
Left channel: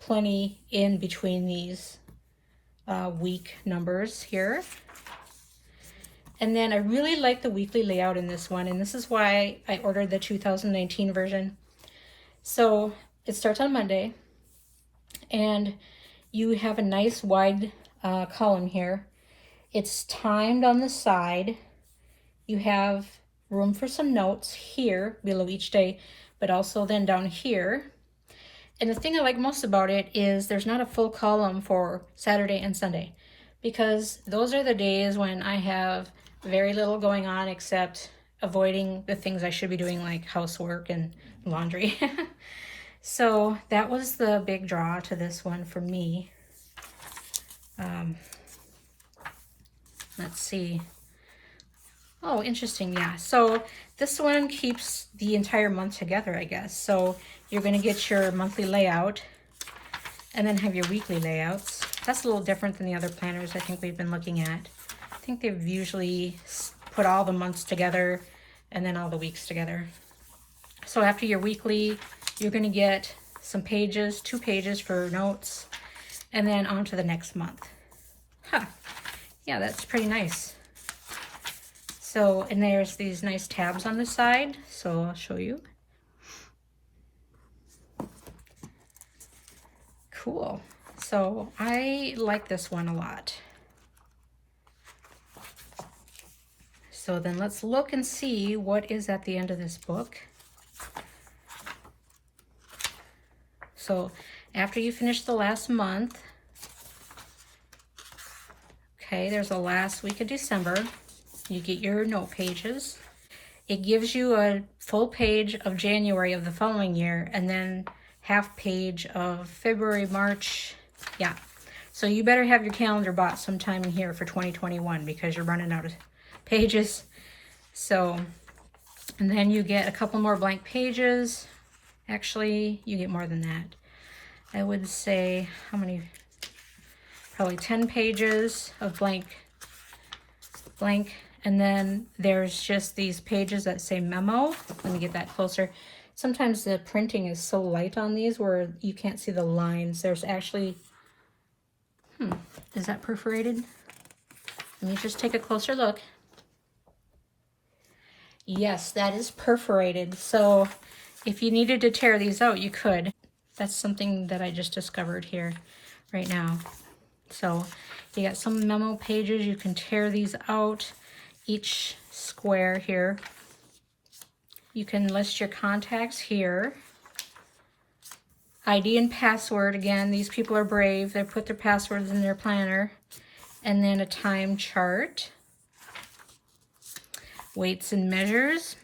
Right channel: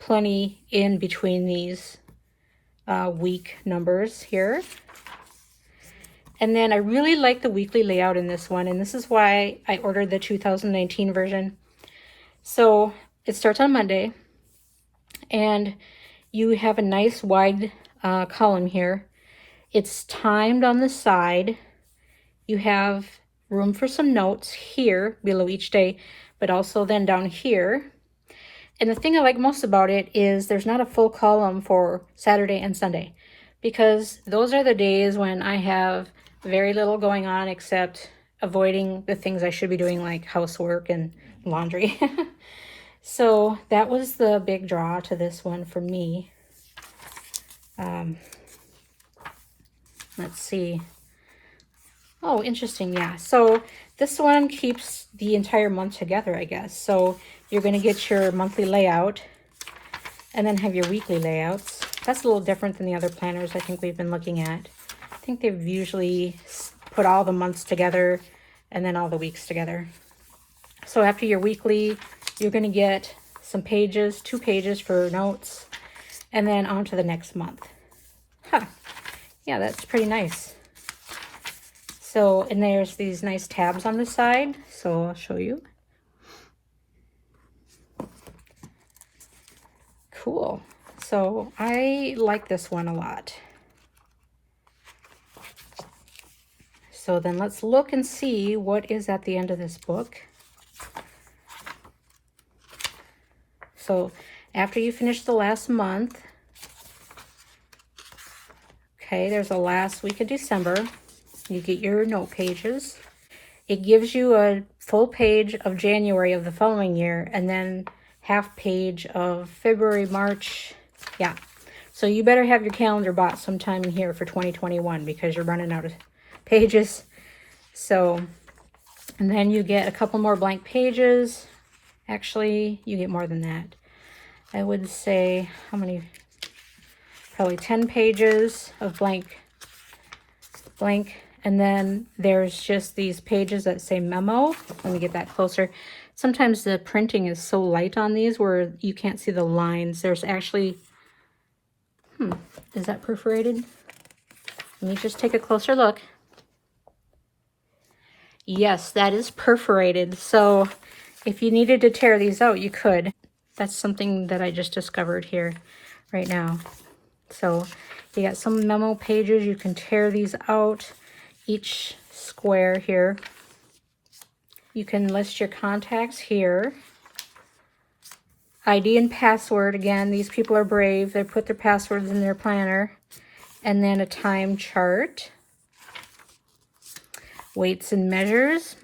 plenty in between these week numbers here. And then I really like the weekly layout in this one, and this is why I ordered the 2019 version. So it starts on Monday, and you have a nice wide column here. It's timed on the side. You have room for some notes here below each day, but also then down here. And the thing I like most about it is there's not a full column for Saturday and Sunday, because those are the days when I have very little going on except avoiding the things I should be doing, like housework and laundry. So that was the big draw to this one for me. Let's see. Oh, interesting. Yeah. So this one keeps the entire month together, I guess. So you're going to get your monthly layout and then have your weekly layouts. That's a little different than the other planners I think we've been looking at. I think they've usually put all the months together and then all the weeks together. So after your weekly, you're going to get some pages, 2 pages for notes, and then on to the next month. Huh. Yeah, that's pretty nice. So, and there's these nice tabs on the side, so I'll show you. Cool. So I like this one a lot. So then let's look and see what is at the end of this book. So after you finish the last month, okay, there's the last week of December. You get your note pages. It gives you a full page of January of the following year, and then half page of February, March. Yeah. So you better have your calendar bought sometime in here for 2021 because you're running out of pages. So, and then you get a couple more blank pages. Actually, you get more than that. I would say, how many? Probably 10 pages of blank. And then there's just these pages that say memo. Let me get that closer. Sometimes the printing is so light on these where you can't see the lines. There's actually, is that perforated? Let me just take a closer look. Yes, that is perforated. So if you needed to tear these out, you could. That's something that I just discovered here right now. So you got some memo pages. You can tear these out, each square here. You can list your contacts here. ID and password. Again, these people are brave. They put their passwords in their planner. And then a time chart. Weights and measures.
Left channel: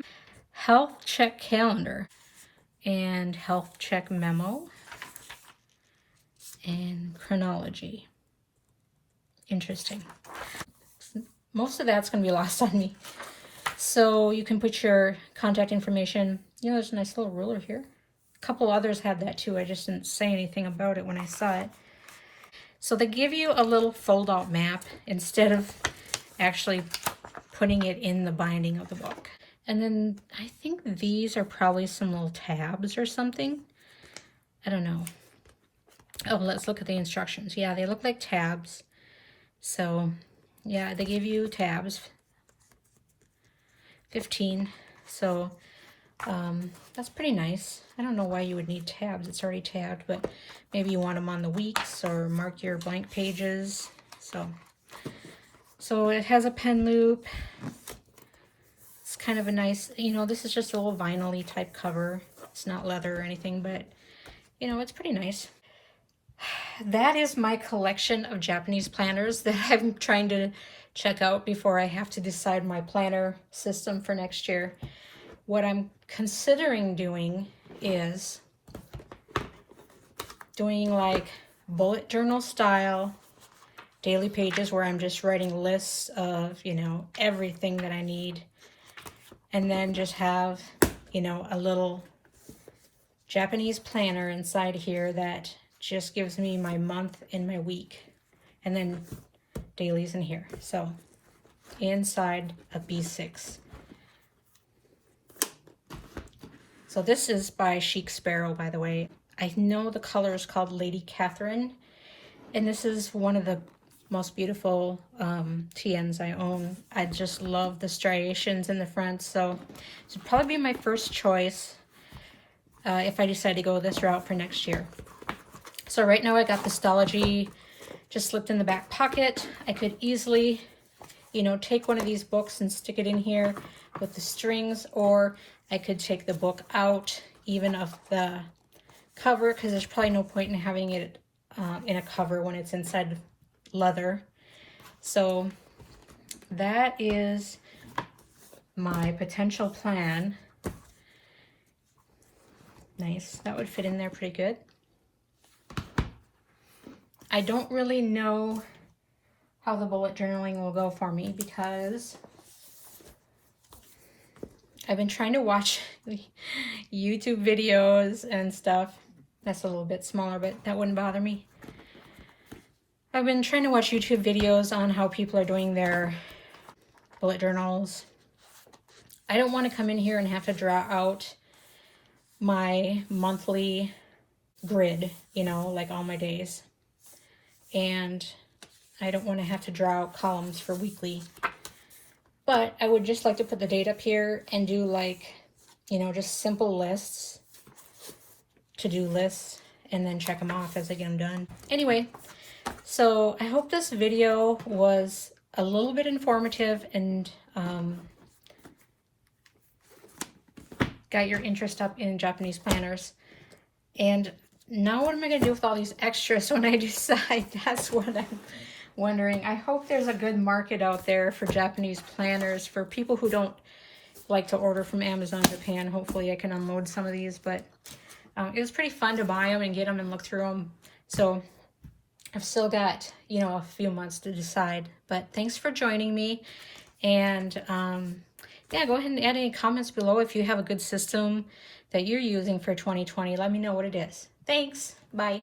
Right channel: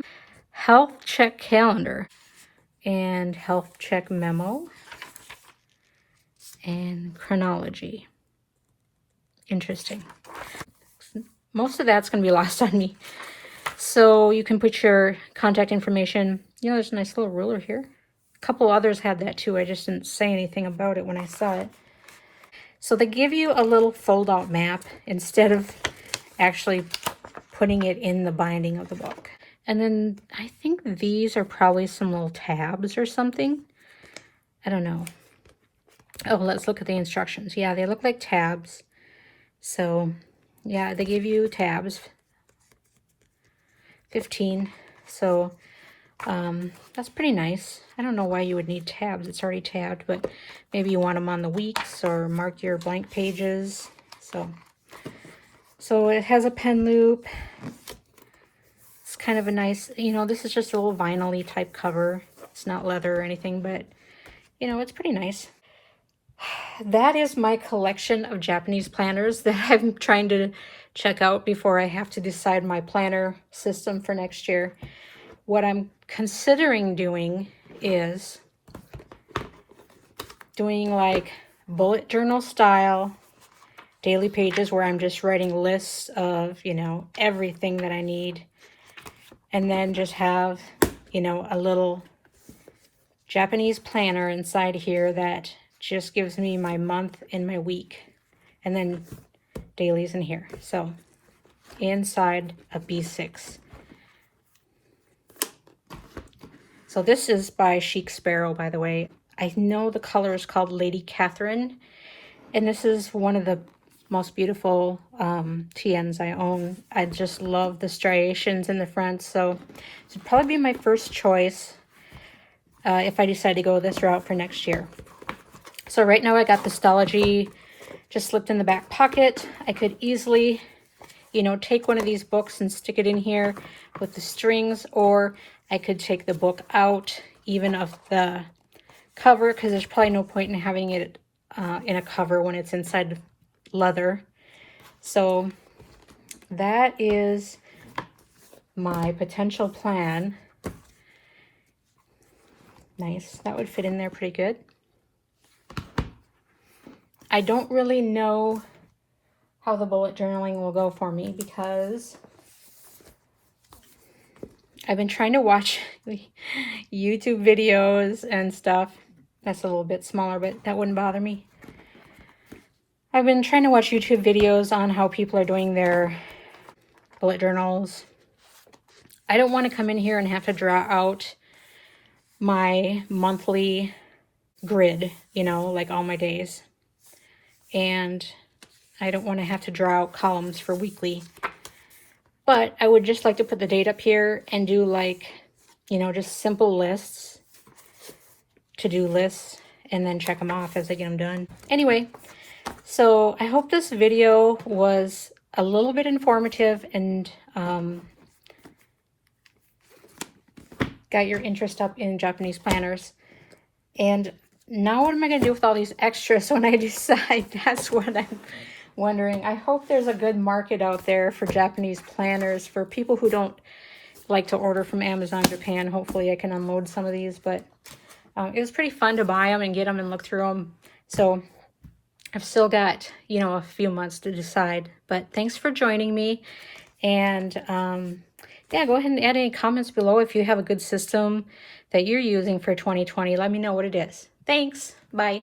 Health check calendar. And health check memo. And chronology. Interesting. Most of that's going to be lost on me. So you can put your contact information. You know, there's a nice little ruler here. A couple others had that too. I just didn't say anything about it when I saw it. So they give you a little fold-out map instead of actually putting it in the binding of the book. And then I think these are probably some little tabs or something. I don't know. Oh, let's look at the instructions. Yeah, they look like tabs. So, yeah, they give you tabs. 15. So, that's pretty nice. I don't know why you would need tabs. It's already tabbed, but maybe you want them on the weeks or mark your blank pages. So it has a pen loop. It's kind of a nice, you know, this is just a little vinyl-y type cover. It's not leather or anything, but, you know, it's pretty nice. That is my collection of Japanese planners that I'm trying to check out before I have to decide my planner system for next year. What I'm considering doing is doing like bullet journal style daily pages where I'm just writing lists of, you know, everything that I need. And then just have, you know, a little Japanese planner inside here that just gives me my month and my week. And then dailies in here. So inside a B6. So this is by Chic Sparrow, by the way. I know the color is called Lady Catherine, and this is one of the most beautiful TNs I own. I just love the striations in the front, so this would probably be my first choice if I decide to go this route for next year. So right now I got the Stology just slipped in the back pocket. I could easily, you know, take one of these books and stick it in here with the strings, or I could take the book out even of the cover, because there's probably no point in having it in a cover when it's inside leather. So that is my potential plan. Nice, that would fit in there pretty good. I don't really know how the bullet journaling will go for me because I've been trying to watch YouTube videos and stuff. That's a little bit smaller, but that wouldn't bother me. I've been trying to watch YouTube videos on how people are doing their bullet journals. I don't want to come in here and have to draw out my monthly grid, you know, like all my days. And I don't want to have to draw out columns for weekly. But I would just like to put the date up here and do like, you know, just simple lists, to-do lists, and then check them off as I get them done. Anyway, so I hope this video was a little bit informative and got your interest up in Japanese planners. And now what am I going to do with all these extras when I decide? That's what I'm wondering. I hope there's a good market out there for Japanese planners for people who don't like to order from Amazon Japan. Hopefully I can unload some of these, but it was pretty fun to buy them and get them and look through them. So I've still got, you know, a few months to decide, but thanks for joining me. And yeah, go ahead and add any comments below if you have a good system that you're using for 2020. Let me know what it is. Thanks. Bye.